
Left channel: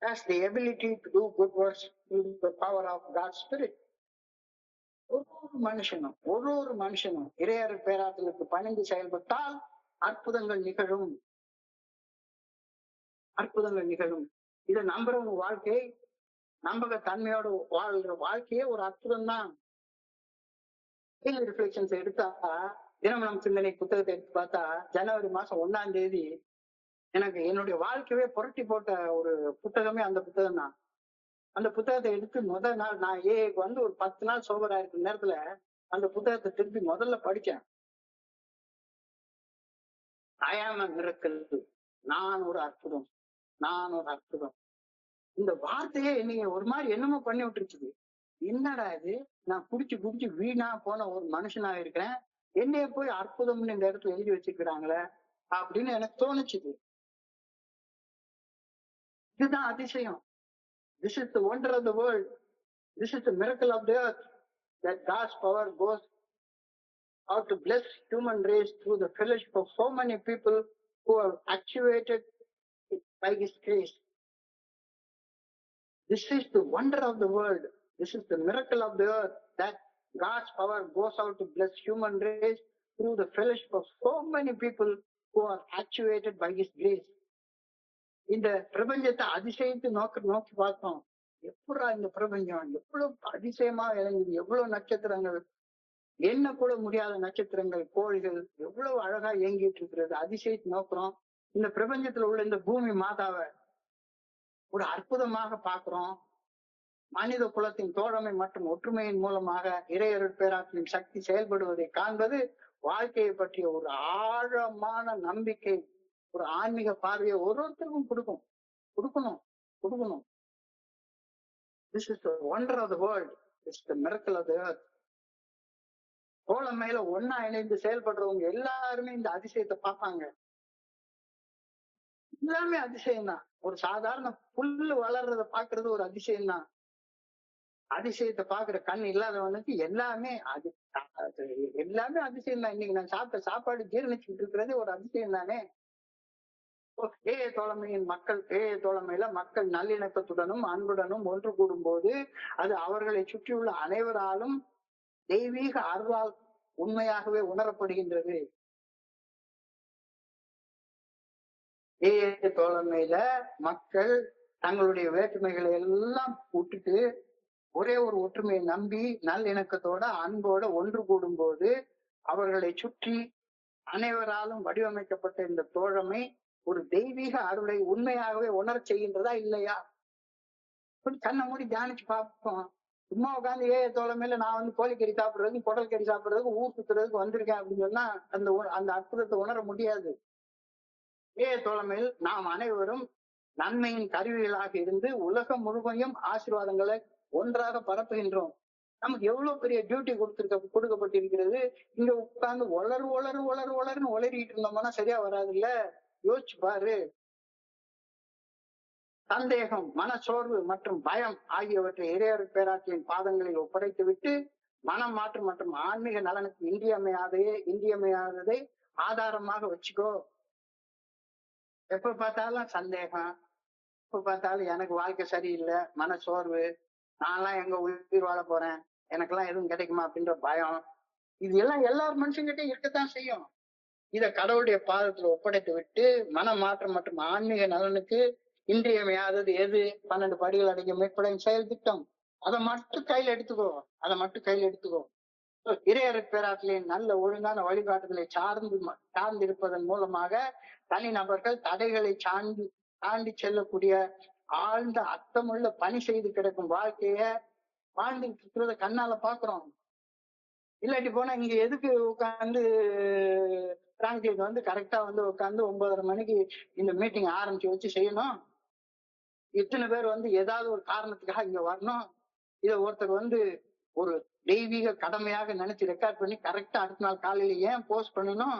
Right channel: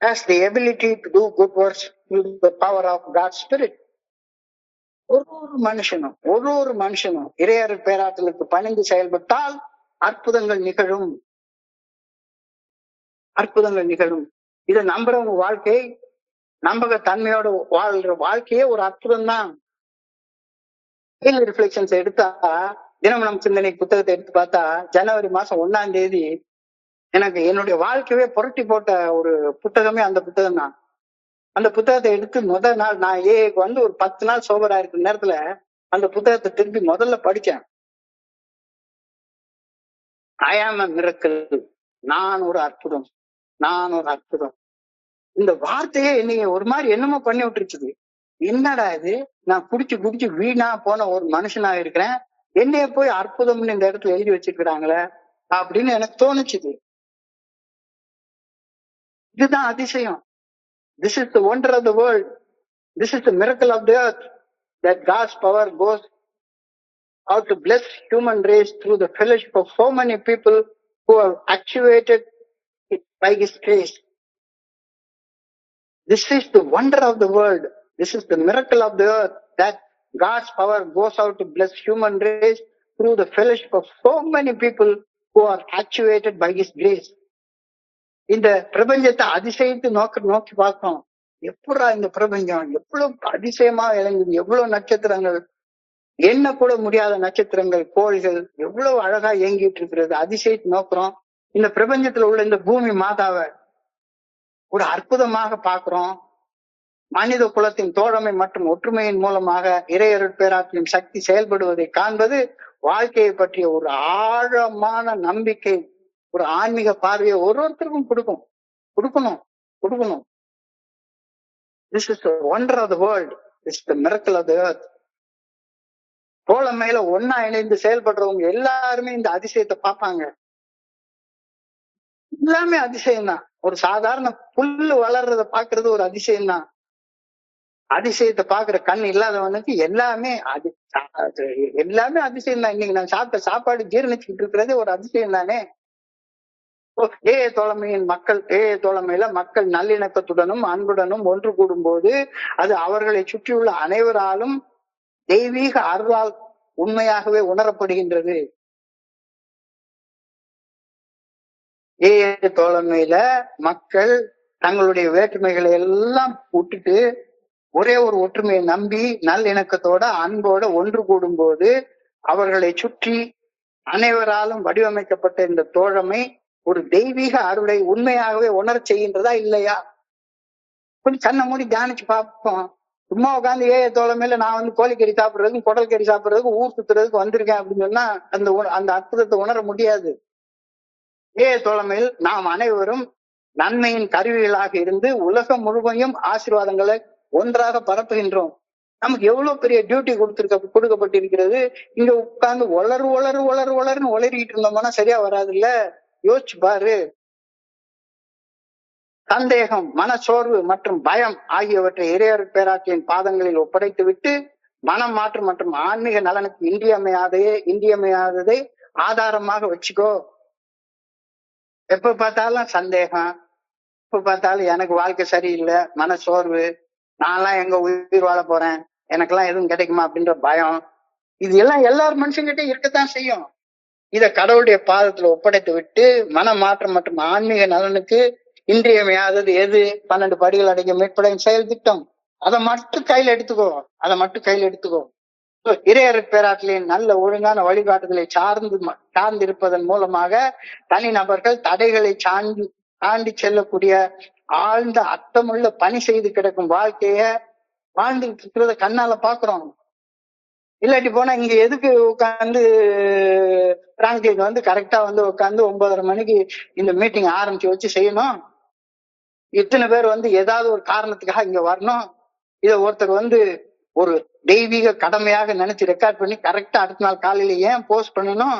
has the ability to do good works through the power of God's Spirit. ஒரு மனுஷனும் இறையருள் பேராற்றலுக்கு பணிந்து செயல்பட்டால் அற்புதங்கள் நிகழும். அற்புதங்கள் நிகழும். இதை நம்புறவங்க வாழ்க்கை, நம்பக தன்மையோட வாழ்ற வாழ்க்கையே ஒரு அற்புதம் தான். ரிஃப்ளெக்ஷன்ஸ் எடுத்தா, தினமனம் சிந்தனை புத்தகத்தை எடுத்து பார்த்தா, ஜனவரி மாசம் 1ஆம் தேதி எனக்கு என்னுடைய வாழ்க்கையே புரட்டி போட்ட ஒரு புத்தகமே அந்த புத்தகம் தான். அந்த புத்தகத்தை எடுத்து முதல் நாள் நான் ஏக்கு வந்து ஒரு 10 நாள் சோபரா இருக்கிற நேரத்துல அந்த புத்தகத்தை திருப்பி முதல்ல படிச்சேன். I am a miracle. நான் ஒரு அற்புதம், நான் ஒரு அற்புதம். இந்த வார்த்தையே என்னைய ஒரு மாதிரி என்னமோ பண்ணி விட்டுருச்சுது. என்னடா இது, நான் குடிச்சு வீணா போன ஒரு மனுஷனா இருக்கிறேன், என்னைய போய் அற்புதம்னு இந்த இடத்துல எழுதி வச்சிருக்கிறாங்களே அப்படின்னு எனக்கு தோணுச்சுது. இதுதான் அதிசயம். This is the wonder of the world. This is the miracle of the earth, that God's power goes out to bless human race through the fellowship of so many people who are actuated by His grace. This is the wonder of the world. This is the miracle of the earth, that God's power goes out to bless human race through the fellowship of so many people who are actuated by His grace. இந்த பிரபஞ்சத்தை அதிசயித்து நோக்கி பார்க்கிறோம். எப்படா இந்த பிரபஞ்சம் எவ்வளவு அதிசயமா இறங்குது, எவ்வளவு நட்சத்திரங்கள், என்ன கூட முடியாத நட்சத்திரங்கள், கோள்கள் எவ்வளவு அழகா இயங்கிட்டு இருக்கிறது, அதிசயித்து நோக்குறோம். இந்த பிரபஞ்சத்துல உள்ள இந்த பூமி மாதாவை ஒரு அற்புதமாக பார்க்கிறோம். மனித குலத்தின் தோழமை மற்றும் ஒற்றுமையின் மூலமாக இறையருள் பேராற்றலின் சக்தி செயல்படுவதை காண்பது வாழ்க்கையை பற்றிய ஒரு ஆழமான நம்பிக்கை, ஒரு ஆன்மீக பார்வையை ஒருத்தருக்கும் கொடுக்கணும். This is the wonder of the world. This is the miracle of the earth. தோழமையில ஒன்னா இணைந்து செயல்படுறவங்க எல்லாருமே இந்த அதிசயத்தை பார்ப்பாங்க. எல்லாமே அதிசயம் தான். ஒரு சாதாரண புல்லு வளர்றத பாக்குறது ஒரு அதிசயம் தான். அதிசயத்தை பாக்குற கண் இல்லாதவனுக்கு எல்லாமே அதிசயம் தான். இன்னைக்கு நான் சாப்பிட்ட சாப்பாடு ஜீரணிச்சுட்டு இருக்கிறதே ஒரு அதிசயம் தானே. தோழமையில மக்கள் நல்லிணக்கத்துடனும் அன்புடனும் ஒன்று கூடும் போது அது அவர்களை சுற்றியுள்ள அனைவராலும் தெய்வீக அருளால் உண்மையாகவே உணரப்படுகின்றது. தோழமையில மக்கள் தங்களுடைய வேற்றுமைகளை எல்லாம் விட்டுட்டு ஒரே ஒரு ஒற்றுமையை நம்பி நல்லிணக்கத்தோட அன்போட ஒன்று கூடும் போது அவர்களை சுற்றி அனைவராலும் வடிவமைக்கப்பட்ட இந்த தோழமை ஒரு தெய்வீக அருளை உண்மையாகவே உணர செய்கின்றதா இல்லையா? கொஞ்சம் கண்ணை மூடி தியானிச்சு பார்ப்போம். சும்மா உட்காந்து தோழமையில நான் வந்து கோழிக்கறி சாப்பிடுறதுக்கும் குடல் கறி சாப்பிடுறதுக்கும் ஊர் சுத்துறதுக்கு வந்திருக்கேன் அப்படின்னு சொன்னா அந்த அற்புதத்தை உணர முடியாது. தோழமையில் நாம் அனைவரும் நன்மையின் கருவிகளாக இருந்து உலகம் முழுமையும் ஆசீர்வாதங்களை ஒன்றாக பரப்புகின்றோம். நமக்கு எவ்வளவு பெரிய டியூட்டி கொடுக்கப்பட்டிருக்கிறது. இங்க உட்கார்ந்து ஒளருன்னு ஒளறிட்டு இருந்தோம்னா சரியா வராது இல்ல. யோசிச்சு பாரு. சந்தேகம், மனச்சோர்வு மற்றும் பயம் ஆகியவற்றை இறையருள் பேராற்றலின் பாதங்களில் ஒப்படைத்து விட்டு மனம் மாற்றம் மற்றும் ஆன்மீக நலனுக்கு இன்றியமையாததை ஆதாரமாக வச்சுக்கோ. எப்ப பார்த்தாலும் சந்தேகம், எப்ப பார்த்தாலும் எனக்கு வாழ்க்கை சரியில்லை, மனச்சோர்வு, நான்லாம் எங்க உயிர் வாழ போறேன், எனக்கெல்லாம் எதுவும் கிடைக்குமா அப்படின்ற பயம், இது எல்லாம் எல்லாரும் மனுஷங்கிட்ட இருக்கத்தான் செய்யும். இத கடவுளுடைய பாதத்துல ஒப்படைத்து விட்டு மன மாற்றம் மற்றும் ஆன்மீக நலனுக்கு இன்றியமையாதது எது? 12 படிகள் அடங்கிய மீட்படையும் செயல் திட்டம். அதை மட்டும் கையில எடுத்துக்கோ. இறையர் பேராற்றலின் நல்ல ஒழுங்கான வழிகாட்டுதலை சார்ந்திருப்பதன் மூலமாக தனிநபர்கள் தடைகளை தாண்டி செல்லக்கூடிய ஆழ்ந்த அர்த்தமுள்ள பணி செய்து கிடக்கும் வாழ்க்கைய வாழ்ந்துட்டு இருக்கிறத கண்ணால பாக்குறோம். இல்லாட்டி போனா இங்க எதுக்கு உட்காந்து பிராங்க்லின் வந்து கரெக்டா வந்து உட்காந்து 9:30 மணிக்கு இந்த மீட்டிங் ஆரம்பிச்சு வச்சு செய்யணும்? இத்தனை பேர் வந்து ஏதாவது ஒரு காரணத்துக்காக இங்க வரணும். இத ஒருத்தர் வந்து ஒரு தெய்வீக கடமையாக நினைச்சு ரெக்கார்ட் பண்ணி கரெக்டா அடுத்த நாள் காலையில ஏன் போஸ்ட் பண்ணணும்?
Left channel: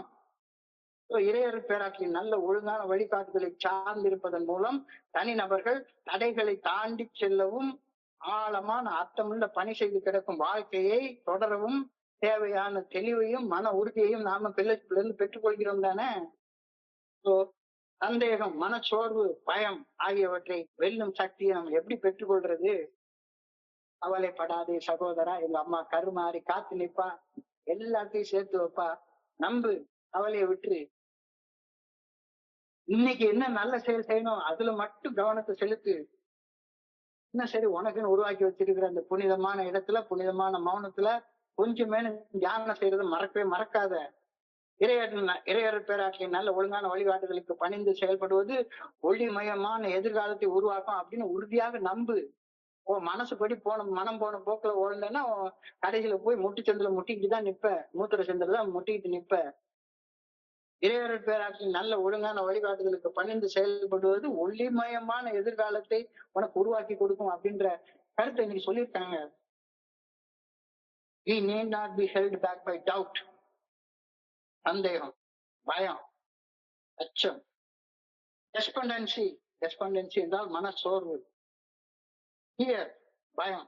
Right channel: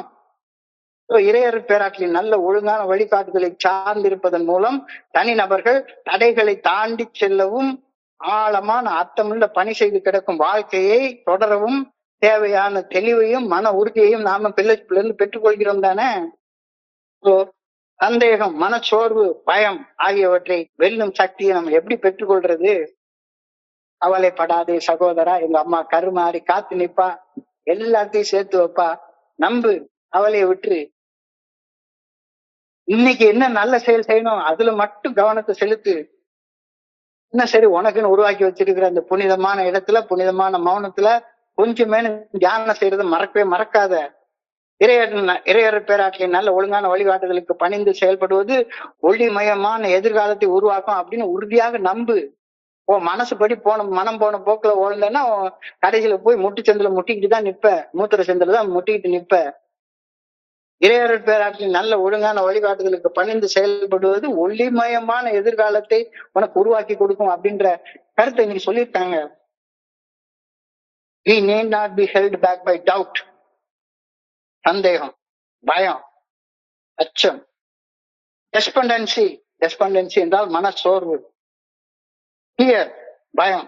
இறையர் பேராற்றலின் நல்ல ஒழுங்கான வழிகாட்டுதலை சார்ந்திருப்பதன் மூலம் தனிநபர்கள் தடைகளை தாண்டி செல்லவும் ஆழமான அர்த்தமுள்ள பணி செய்து கிடக்கும் வாழ்க்கையை தொடரவும் தேவையான தெளிவையும் மன உறுதியையும் நாம பிள்ளைல இருந்து பெற்றுக்கொள்கிறோம் தானே. சந்தேகம், மனச்சோர்வு, பயம் ஆகியவற்றை வெல்லும் சக்தியை நம்ம எப்படி பெற்றுக்கொள்றது? கவலைப்படாதே சகோதரா, எங்க அம்மா கருமாறி காத்து நிப்பா, எல்லாத்தையும் சேர்த்து வைப்பா, நம்பு, கவலையை விட்டுரு. இன்னைக்கு என்ன நல்ல செயல் செய்யணும் அதுல மட்டும் கவனத்தை செலுத்து. என்ன சரி உனக்குன்னு உருவாக்கி வச்சிருக்கிற அந்த புனிதமான இடத்துல, புனிதமான மௌனத்துல கொஞ்சமே தியானம் செய்யறதை மறக்காத. இறையர் பேராற்றலின் நல்ல ஒழுங்கான வழிகாட்டுதலுக்கு பணிந்து செயல்படுவது ஒளிமயமான எதிர்காலத்தை உருவாக்கும் அப்படின்னு உறுதியாக நம்பு. மனசு படி மனம் போன போக்குல ஓடுனா கடைசியில போய் முட்டுச்சந்தில முட்டிக்கிட்டு தான் நிப்ப, மூத்திர சந்தில தான் முட்டிக்கிட்டு நிப்ப. இறையர் பேராற்றலின் நல்ல ஒழுங்கான வழிகாட்டுதலுக்கு பணிந்து செயல்படுவது ஒளிமயமான எதிர்காலத்தை உனக்கு உருவாக்கி கொடுக்கும் அப்படின்ற கருத்தை இன்னைக்கு சொல்லியிருக்காங்க. We need not be held back by doubt. சந்தேகம், பயம், அச்சம். டெஸ்பெண்டன்சி என்றால் மனச்சோர்வு. Fear, பயம்.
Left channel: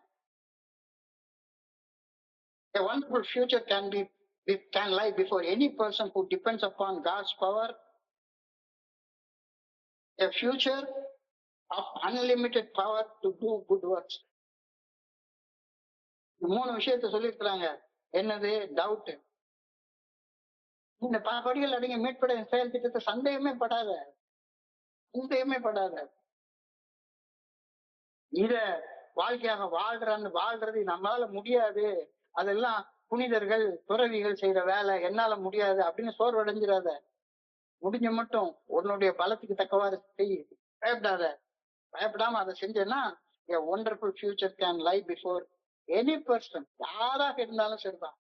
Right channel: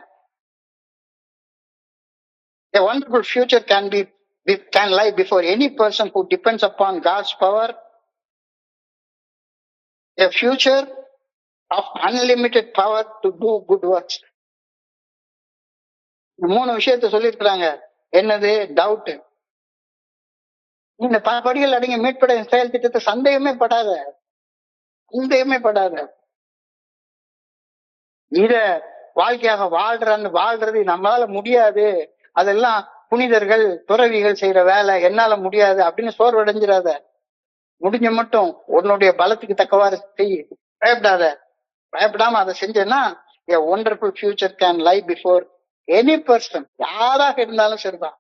A wonderful future can lie before any person who depends upon God's power. A future of unlimited power to do good works. 3 விஷயத்தை சொல்லியிருக்கிறாங்க. என்னது? Doubt. இந்த படிகள் அடங்கிய மீட்பட செயல் திட்டத்தை சந்தேகமே படாத. இத வாழ்க்கையாக வாழ்றது நம்மளால முடியாது, அதெல்லாம் புனிதர்கள் துறவிகள் செய்யற வேலை, என்னால முடியாது அப்படின்னு சோர்வடைஞ்சிடாத. முடிஞ்ச மட்டும் உன்னுடைய பலத்துக்கு தக்கவாறு செய். பயப்படாம அதை செஞ்சேன்னா a wonderful future can lie before any person. யாராக இருந்தாலும் சரிதான்.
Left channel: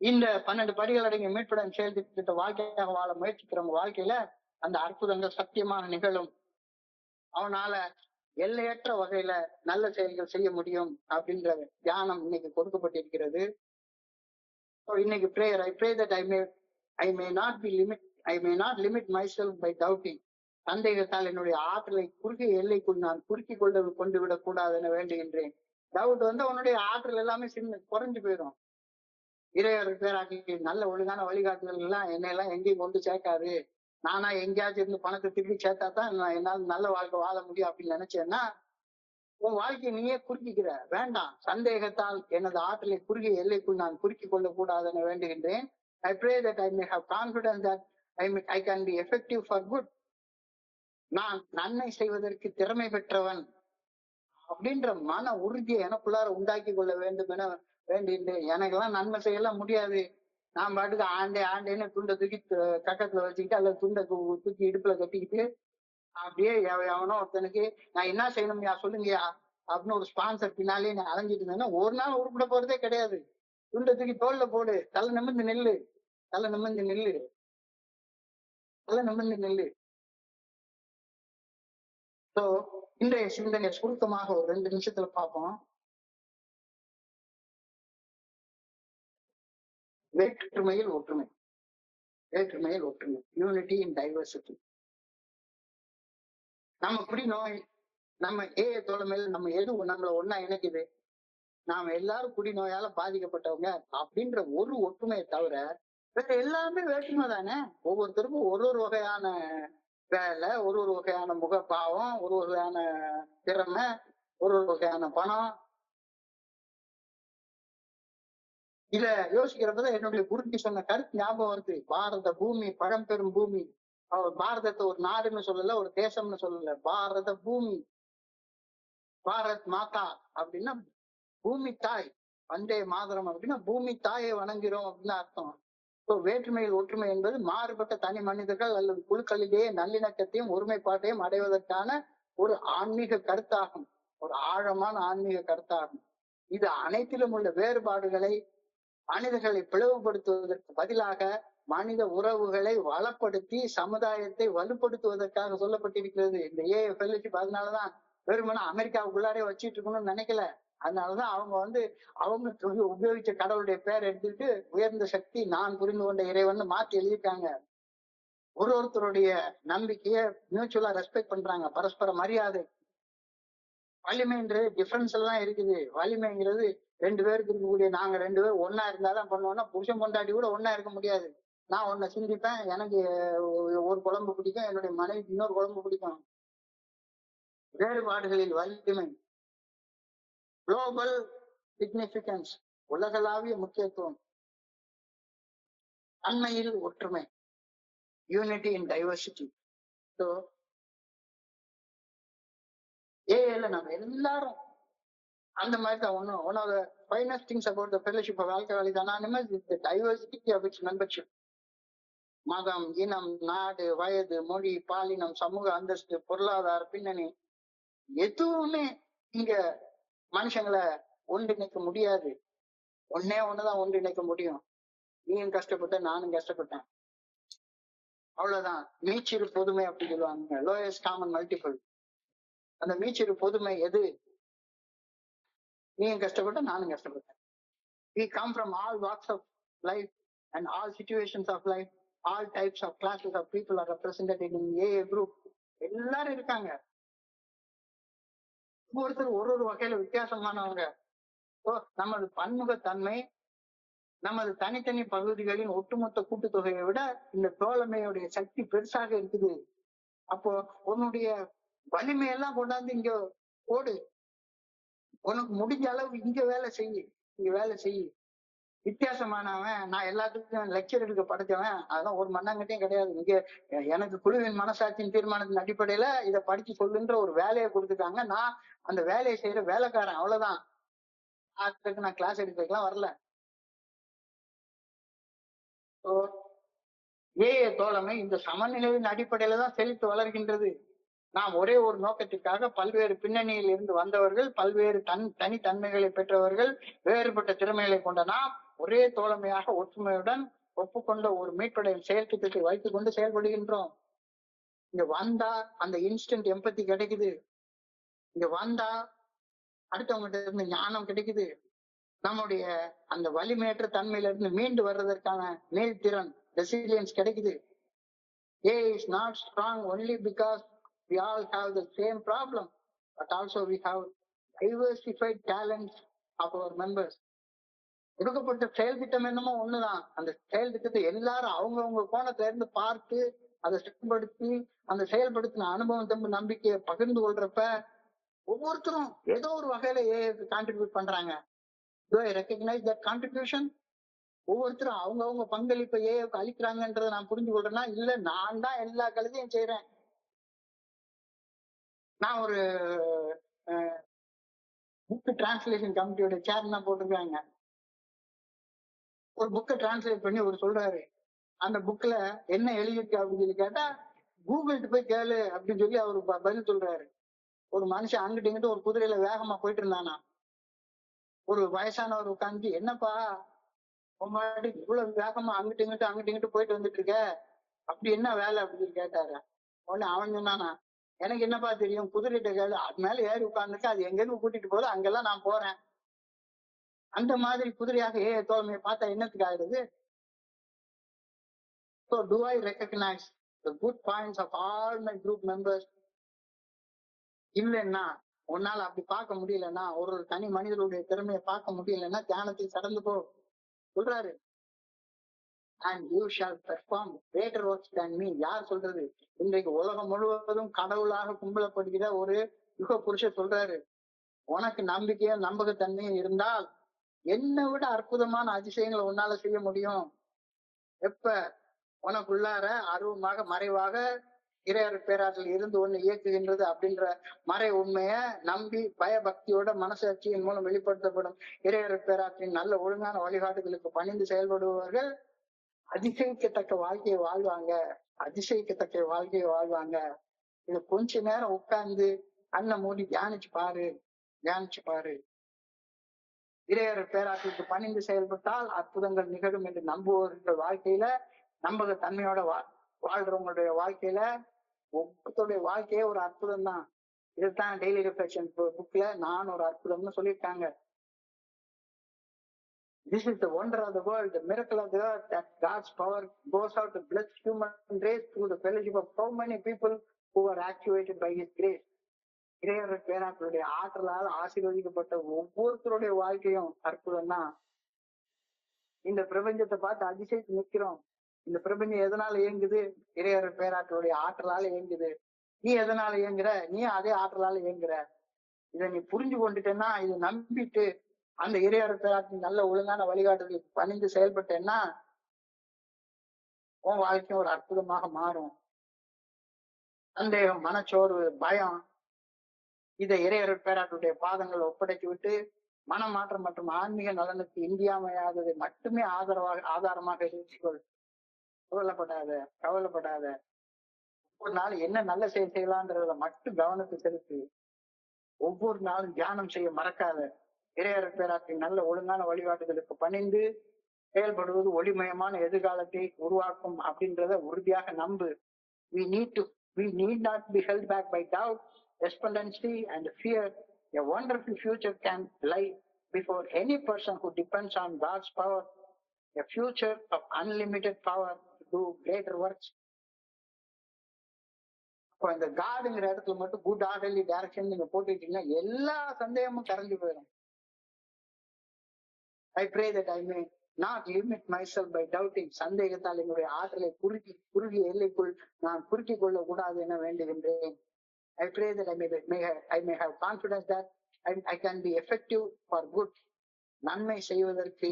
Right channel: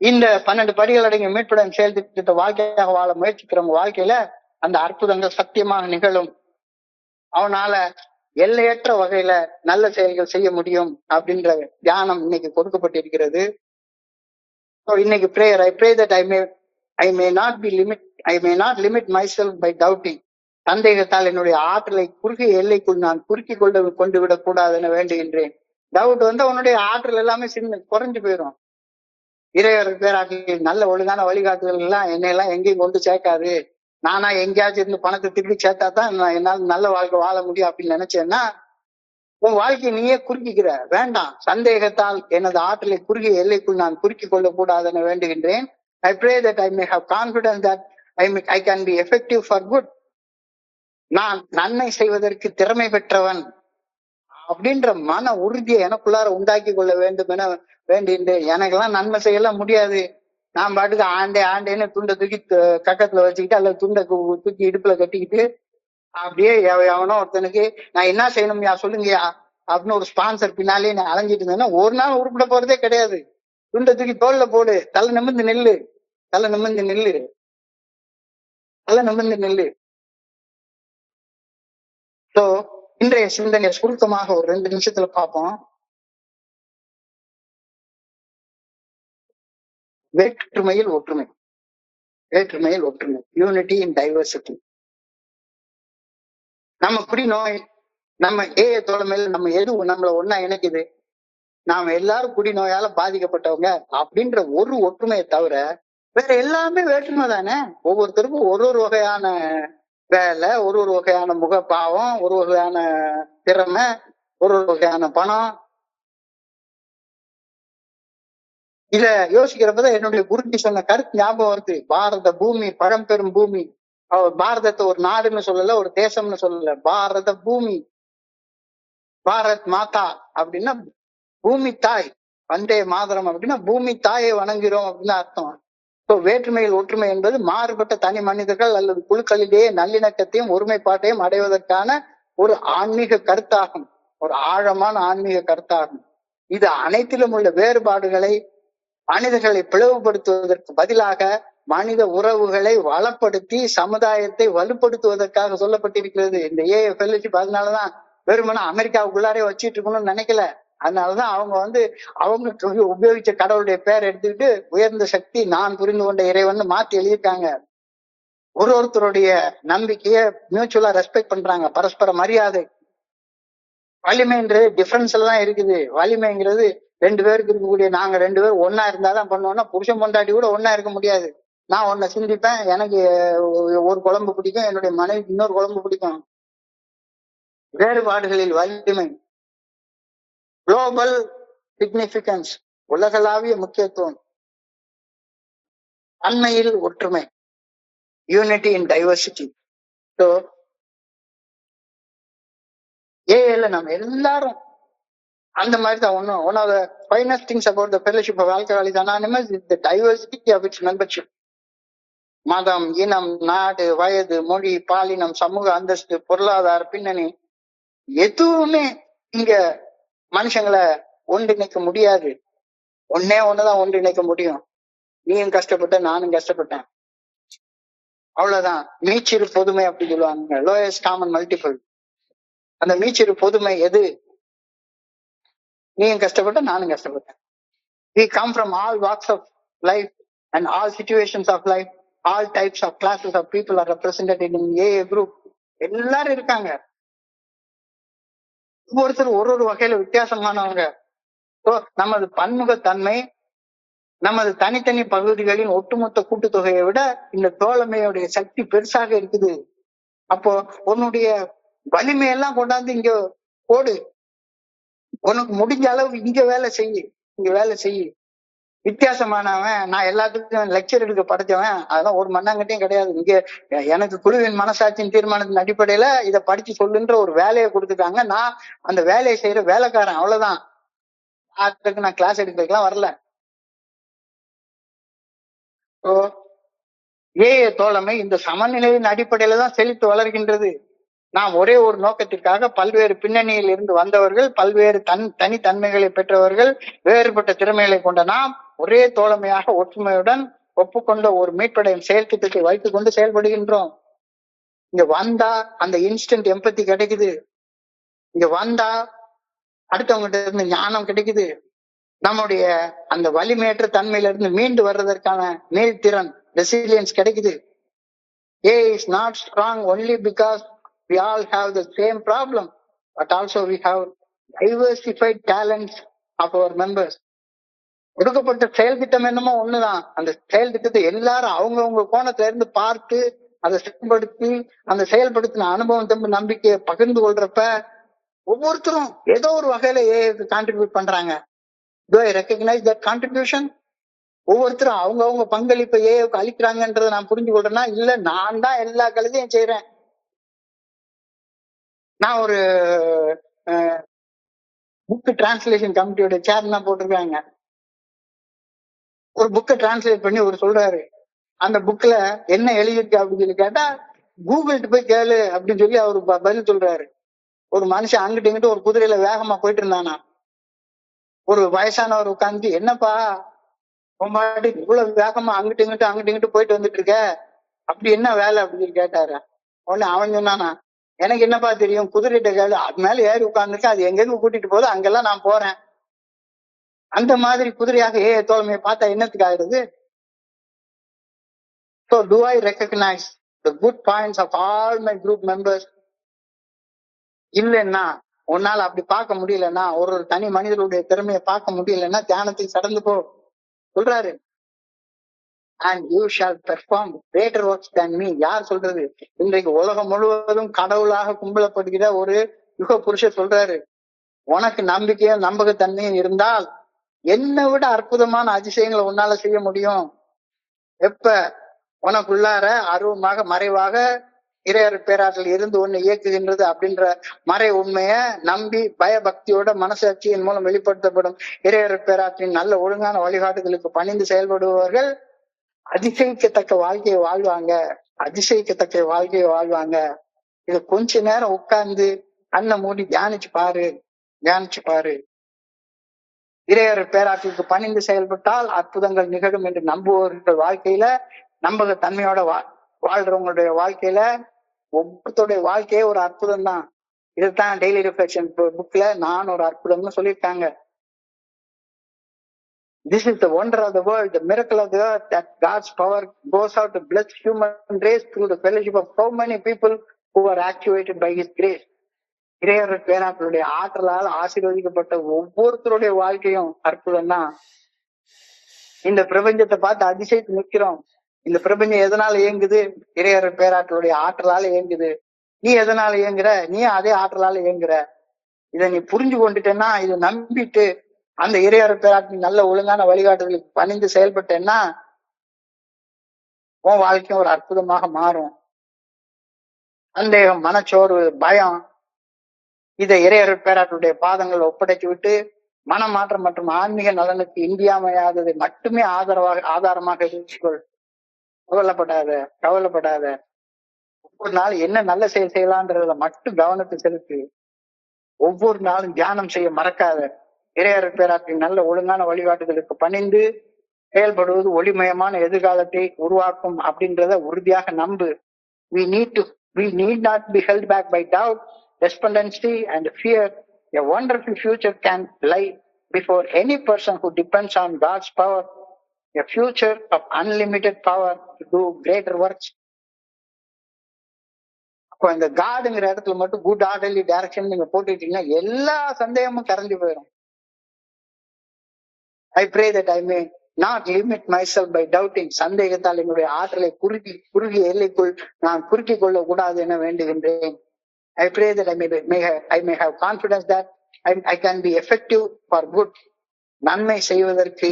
இந்த 12 படிகள் அடங்கிய மீட்புடன் செயல் திட்டத்தை வாழ்க்கையாக வாழ முயற்சிக்கிறவங்க வாழ்க்கையில அந்த அற்புதங்கள் சத்தியமாக நிகழும். அவனால எல்லையற்ற வகையில நல்ல செயல்கள் செய்ய முடியும் அப்படின்ற தியானம் இன்னைக்கு கொடுக்கப்பட்டிருக்கிறது. இன்னைக்கு prayer, I pray that I may not limit myself by doubting. சந்தேகத்தால் என்னுடைய ஆற்றலை குறுகிய எல்லைக்குள் நான் கொண்டு விடக் கூடாதுன்னு வேண்டுகின்றேன். டவுட் வந்து உன்னுடைய ஆற்றல் எல்லாமே குறைஞ்சு போயிடும். இறையர் பேராற்றலின் நல்ல ஒழுங்கான வழிகாட்டுதல் எல்லாம் என்னையெல்லாம் எங்கேயும் கொண்டு சேர்க்காது. நானா எங்கேயாச்சும் இருந்து பணத்தை திருப்பி சேர்த்தா தான் என்னால நல்ல வாழ்க்கை வாழ முடியும் அப்படின்னு நினைச்சேன்னா உன் வாழ்க்கையை நீயே குறுக்கிக்கிற. வேண்டாம். சந்தேகத்தால் எனது ஆற்றலை குறுகிய எல்லைக்குள் நான் குறுக்கிக் கொள்ள கூடாதுன்னு வேண்டுகின்றேன். I pray that I may have confidence that I can be effective for good. நான் நன்மை செய்வதற்கு திறமை பெற்றவன் அப்படின்ற மன உறுதியை எனக்குள்ளார உண்டாக்கி கொள்ள வேண்டும் என வேண்டின்றேன். எனக்கெல்லாம் நன்மை செய்யலாம் முடியாது. நான் பாட்டுக்கு ஆண்டேன்னு துண்டை தூக்கி கக்கத்துல வச்சுக்கிட்டு அல்லது துண்டை தூக்கி இடுப்புல கட்டிக்கிட்டு அப்படியே எவனோ ஒருத்தனுக்கு நான் என்ன செய்யணும்யா சொல்லுங்கயா அப்படின்னு ஒரு ஸ்பான்சர் பின்னாலே நான் அலைஞ்சிட்டு இருந்தேன்னா ஒரு நாள் உருப்பிட போறதே கிடையாது. துண்டை தூக்கி தோல்ல போடு, தலை நிமிர்ந்து நெல்லு. சோ இன்றைய சிந்தனை சுருக்கமாக ஒரு 2 நிமிஷத்துல பார்ப்போம். வேற்றுமையில் ஒற்றுமை, யூனிட்டி இன் டைவர்சிட்டி. நம்ம குடிநோய், நம்ம தோழமையில நம்ம எது நம்மள ஒன்னா இணைக்குது? நாம எல்லாரும் குடிநோயால பாதிக்கப்பட்டவங்க அப்படின்ற ஒரு ஒற்றுமையை தவிர வேற எல்லாமே வேற்றுமை தானே. ஒவ்வொருத்தருக்கும் ஒரு வகையான வேலை, ஒரு வகையான முகப்பாவம், ஒரு வகையான திறமை, ஒரு வகையான பணம். இத யோசிக்கிறப்பதான் என்னுடைய குருஜி சொன்ன கருத்து ஞாபகம் வருது. பாரத பூமி பழம்பெரும் பூமி. அவர் பாரதத்தை ஒரு நாடுன்னு சொல்லல, ஒரு தேசம்னு சொல்லல, பாரத பூமி, பாரத் மாதா அப்படின்னா பூமி தாய். வந்தே மாதரம் அப்படின்னா பூமி தாயை வணங்குகிறோம் அப்படின்னு அர்த்தம். இப்போ வேற்றுமையில் ஒற்றுமை என்பது மாறுபட்ட தனி மனிதர்கள் அல்லது குழுக்களிலேயே நல்லிணக்கத்தையும் ஒருமைப்பாட்டையும் அடைவதற்கான ஒரு ஆன்மீக கருத்தாகும், ஒரு ஆழமான ஆன்மீக கருத்தாகும். இது அனைத்திலும் உள்ள வேறுபாடுகளை மனிதர்களை பிளவுபடுத்துவதற்கு பதிலாக மனித உறவுகளை வளப்படுத்தி சமுதாயத்தை வலுப்படுத்துவதற்காக சொல்லப்பட்டிருக்கிறது. இந்த ஃபெல்லோஷிப் அதனாலதான் வெறுமனா அமெரிக்காவுக்குள்ளாரே வச்சிட்டு இருக்கணும்னு நினைக்கல. அதனாலதான் அவங்க உபயோகிச்ச கடவுளுடைய பேர் எடுத்துக்கிட்டு உயர்ந்த சக்தி நான் புரிந்து கொண்ட இறைவன் மாத்தி எழுதியிருக்காங்க. ஒருத்தருடைய நம்பிக்கைய மியூச்சுவலா ரெஸ்பெக்ட் பண்றாங்க, பரஸ்பர மரியாதை. வலிமைன்றது டிஃபரன்ஸ்ல தான் இருக்குது. வலிமைங்கிறது 2 பேருக்கு இருக்கக்கூடிய, நாங்க 2 பேரும் ஒன்னா இருந்தாதான் பண்ணுவோம்னா புருஷன் பொண்டாட்டி கூட ஒன்னா இருக்க முடியாது. நான் ஒன்ன சிந்திப்பேன், எனக்கு ஒரு குழம்பு பிடிக்கும், என்னுடைய மனைவிக்கு இன்னொரு குழம்பு பிடிக்கும். வேறுபாடுகளில் வலிமை. குளோபல் சிக்னிபிகன்ஸ், உலகளாவிய முக்கியத்துவம். அண்மையில் ஒற்றுமை, யூனிட்டி இன் டைவர்சிட்டி. ஸோ ஏல நம்ம எல்லாரும் அந்த மாதிரி தான். One of the finest things about the fellowship of alcoholics anonymous is the diversity of its membership. மதம், இனம், நாடு, வயது, மொழி, பாலினம், சமூக அந்தஸ்து, பொருளாதார பின்னணி எதுவுமே இங்க மனுஷங்களை ஒன்றிணைக்க முடியாது. ஒண்ணுதான் ஒன்றிணைக்க முடியும். நீயும் கஷ்டப்பட்ட, நானும் கஷ்டப்பட்டேன், அவ்வளவுதான். மீச்சிறு பொதுமை அப்படி சொல்லுவாங்க, லோயஸ்ட் காமன் மல்டிபிள். அந்த மீச்சிறு பொதுமை எது? நீயும் கஷ்டப்பட்ட, நானும் கஷ்டப்பட்டேன். We come from all walks of life and all situations of life. All types of classes of people are represented in AA group. எல்லாரும் இருக்காங்க. ஒவ்வொருத்தரும் ஒரு வகையில வித்தியாசமானவங்க. நமது பன்முகத்தன்மை, நமது தனித்தனி பகுதிகளின் ஒட்டுமொத்த கூட்டுத்தொகையை விட இந்த தோழமையுடைய சக்தி பெருசாக இருக்குது. அப்போ உன்னுடைய வலிமையெல்லாம் கொண்டாந்து இங்க போடு. உனக்கு முடிஞ்ச அளவு இங்க வேலை செய்ய. வித்தியாசமானவன், நான் எல்லாத்துக்கும் லெக்சர் எடுக்க படிச்சவன், அதெல்லாம் ஒரு மண்ணாங்கட்டையும் கிடையாது. இங்க எனக்கு குழுவின் மனசாட்சியின் தீர்மானத்தின் அடிப்படையில இதை படிச்சு சொல்லுன்ற ஒரு வேலையை கொடுத்துட்டாங்க. நான் அந்த வேலையை செய்யற வேலைக்காரன், அவ்வளவுதான். அதுக்கு நான் கிளாஸ் எடுக்கலாம் வரல. தோழமை இந்த சமநிலையின் அடிப்படையில தான் செழித்து வளர்கின்றது. நாம் ஒரே ஒரு நோக்கத்திற்காக பல்வேறு பின்னணியில் இருந்து வந்தவர்கள், பல்வேறு தனித்தன்மைகளை பெற்றவர்கள், வேறுபட்ட திறமைகளை கொண்ட நாம் ஒரே தோழமையாக ஒற்றுமையுடன் ஒப்புக்கொண்ட ஒரு மீட்படையும் செயல் திட்டத்தை வைத்துக் கொண்டு செயல்படுகின்றோம். இங்க வந்தா அந்த இன்ஸ்டன்ட் எம்பத்தி கிடைக்குது. இங்க வந்தா அடுத்தவங்கிட்ட இருந்து ஞானம் கிடைக்குது. நம்முடைய அந்த வலிமையற்ற தன்மையில இருந்து மீண்டு வர்றதற்கான மீள்திறன், ரெசிலியன்ஸ் கிடைக்குது. A is not strong only because we all have the same problem, but also we have diversified talents of our members. கொடுக்கப்பட்ட செயல் திட்டம் என்னமோ ஒண்ணுதான். அந்த செயல் திட்டத்தை எல்லாரும் அவங்கவுங்க கோணத்துல இருந்து பார்த்து அதை செயல்படுத்தி அந்த செயல்படுத்தின அனுபவம் நம்பிக்கையை பகிர்ந்து கொள்றப்ப ஒவ்வொருத்தரும் ஏதோ ஒரு வகையில கான்ட்ரிபியூட் பண்றாங்க. Do I recognize that contribution? ஒவ்வொருத்தரும் அவங்கவுங்க பங்களிப்பை ஏவுக்கு அளிக்கிறாங்கன்றதை நான் புரிஞ்சு கொள்றேன்னா, இல்ல நான் தான் எல்லா கழுதையும் செய்யறேன். நான் ஒரு புக் டிரான்ஸ்லேஷன் கமிட்டியோட சேர்மனா போட்டிருக்காங்க. ஒரு புக்கை டிரான்ஸ்லேட் பண்ணி ஒரு சொல்றாரு, அந்த புக்ல என்ன எழுதிருக்கு அப்படின்னு சொல்லி கேட்டா கூகுள்ட்டு போய் கேளு அப்படின்னு சொல்லி அவரு பதில் சொல்றாரு. ஒரு மனுஷன் அங்கிட்டு இங்கிட்டு ஒரு குதிரையில வேகமா போயிட்டு இருந்தானா, ஒரு வயசானவர் உட்காந்து, என்னப்பா இவ்வளவு வேகமா அங்கிட்டு இங்கிட்டு போயிட்டு வந்துட்டு இருக்க, அப்படி என்ன வேலை அப்படின்னு கேட்டாரு. உடனே அவன் சொன்னானா, எனக்கு என்னப்பா தெரியும், குதிரைகிட்ட கேளு, அது மேல ஏறி உட்கார்ந்துருக்க, அது எங்க கூட்டிட்டு போகுது அங்கெல்லாம் நான் போறேன். அந்த மாதிரி குதிரையாக தோழமையை பார்த்தா என்னத்துக்கு ஆயிடுது? So do I recognize the good points of all my group members? இல்லைன்னா, உன்னால அப்படி பார்க்க முடியலன்னா, ஒரு தனி மனிதனுடைய திறமையை பார்க்க முடியலன்னா தியானத்துக்கு கடந்து போ சொல்றாரு. And you shall perform greater works than me. யார் சொல்றது? இன்றைக்கு உலகம் முழுவதும் கடவுளாக கும்பிடப்படுகிற ஒரு யுக புருஷர் சொல்றாரு, உனக்கு நம்பிக்கையும் நம்பகத்தன்மையும் இருந்தால் என்னை விட அற்புதமான அதிசயங்களை உன்னால செய்ய முடியும். எப்ப உனக்குள்ளார அருவமாக மறைவாக இறையர் பேராற்றல் இருந்து ஒண்ணு இயக்குகின்றது அப்படின்ற மறை உண்மைய நம்பி பயபக்தியோட மனசாட்சியின் மூலம் வெளிப்படுத்தப்படும் இறையர் பேராற்றின் நல்ல ஒழுங்கான வழிகாட்டுதலுக்கு பணிந்து செயல்படுபவர்கள் அதிசயிக்கத்தக்க வாழ்க்கையை வாழ்வாங்க. அதிசயிக்கத்தக்க வாழ்க்கையை வாழ்வாங்க. இத கொஞ்ச நேரம் உட்கார்ந்து கண்ணை மூடி தியானிச்சு பாரு. இறையர் பேராற்றலுக்கு பணிந்து செயல்பட்டால் அற்புதங்கள் நிகழும் என்று நம்புவவர்கள் வாழ்க்கையில நம்பக தன்மையோட வாழ்றவங்களுடைய வாழ்க்கையில ஒவ்வொருத்தருடைய வாழ்க்கையே ஒரு அற்புதம் தான். இதுதான் டெய்லி ரிஃப்ளெக்ஷன் புக்ல நான் ஒரு அற்புதம்னு சொல்லியிருக்காங்க. This is the wonder of the world, the miracle of the earth, that God's power goes out to bless human race through the fellowship of so many people who are actuated by His grace. இறையர் பேராற்றலுடைய ஆற்றலால் ஆசீர்வதிக்கப்பட்ட ஒவ்வொருத்தருடைய வாழ்க்கையும் அற்புதம் தான். இந்த பிரபஞ்சத்தை பார்த்து அதிசயித்து நிற்கிறோம். இந்த பிரபஞ்சம் எதனால இயங்குது? இறையர் பேராற்றலுடைய ஆற்றலால இயங்குது. நீ எதனால இயங்குற? நீ அதே ஆற்றலால இயங்குற. இதை நீ புரிஞ்சு கொண்டுட்டேன்னா, இதை நம்பிட்டு அந்த இறையர் பேராற்றின் நல்ல ஒழுங்கான வழிகாட்டுதலுக்கு பணிந்து செயல்பட்டேன்னா உன் வாழ்க்கையும் ஒரு அற்புதமாக மாறும். சந்தேகம், மனச்சோர்வு, பயம் இதை இறையர் பேராற்றுடைய பாதங்கள் ஒப்படைத்து விட்டு மனமாற்றம் மற்றும் ஆன்மீக நலனுக்கு இன்றியமையாததை மட்டுமே ஆதாரமாக இருந்துக்கொள். கவலைப்படாத. ஒவ்வொரு நாள் என்ன நல்ல செயல் செய்யலான்றதுல மட்டும் கவனத்தை செலுத்து. ஒவ்வொரு நாளும் தியானம் செய்ய மறக்காத. இறையர் பேராற்றின் நல்ல ஒழுங்கான வழிகாட்டுதலுக்கு பணிந்து செயல்படுவது ஒளிமயமான எதிர்காலத்தை உருவாக்கும் அப்படின்றத உறுதியாக நம்பு. We need not be held back by doubt, despondency and fear. A wonderful future can lie before any person who depends on God's power. A future of unlimited power to do greater works. அப்போ இந்த காடுங்கிற இடத்துல மட்டும் good orderly direction நீங்க போட்டுட்டீங்கன்னா எல்லா சந்தேகமும் கரைஞ்சு போயிடும். I pray that I may not limit myself by doubting. சந்தேகத்தால் என்னுடைய ஆற்றலை குறுகிய எல்லைக்குள் நான் குறுக்கிக் கொள்ள கூடாது என வேண்டுகின்றேன். I pray that I may have confidence that I can be effective for good. நன்மை செய்வதற்கு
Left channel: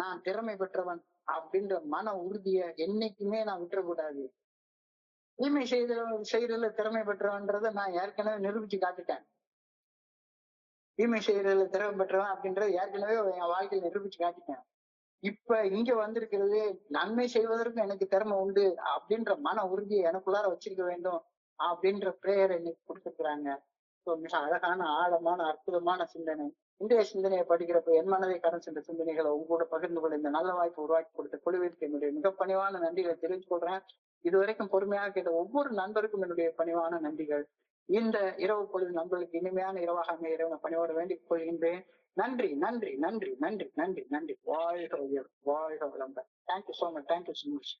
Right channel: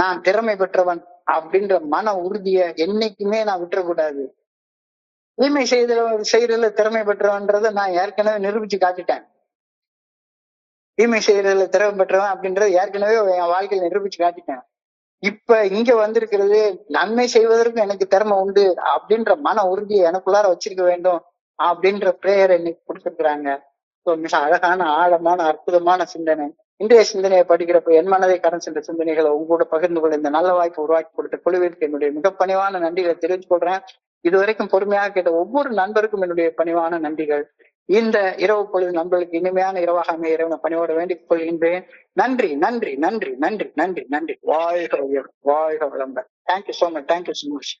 நான் திறமை பெற்றவன் அப்படின்ற மன உறுதியை என்னைக்குமே நான் விட்டுறக்கூடாது. தீமை செய்யறதுல திறமை பெற்றவன்றத நான் ஏற்கனவே நிரூபிச்சு காட்டிட்டேன். தீமை செய்யறதுல திறமை பெற்றவன் அப்படின்றத ஏற்கனவே என் வாழ்க்கையில நிரூபிச்சு காட்டிட்டேன். இப்ப இங்க வந்திருக்கிறது நன்மை செய்வதற்கும் எனக்கு திறமை உண்டு அப்படின்ற மன உறுதியை எனக்குள்ளார வச்சிருக்க வேண்டும் அப்படின்ற பிரேயரை இன்னைக்கு கொடுத்திருக்கிறாங்க. மிக அழகான ஆழமான அற்புதமான சிந்தனை. இன்றைய சிந்தனையை படிக்கிறப்ப என் மனதை கடன் சென்ற சிந்தனைகளை உங்களோட பகிர்ந்து கொள்ள இந்த நல்ல வாய்ப்பு உருவாக்கி கொடுத்த குழுவிற்கு என்னுடைய மிக பணிவான நன்றிகளை தெரிவித்துக் கொள்றேன். இதுவரைக்கும் பொறுமையாக கேட்ட ஒவ்வொரு நண்பருக்கும் என்னுடைய பணிவான நன்றிகள். இந்த இரவு பொழுது நண்பர்களுக்கு இனிமையான இரவாக அமைய இறைவனை பணியோட வேண்டிக் கொள்கின்றேன். நன்றி நன்றி நன்றி நன்றி நன்றி நன்றி. வாழ்க வளம்பர். Thank you so much.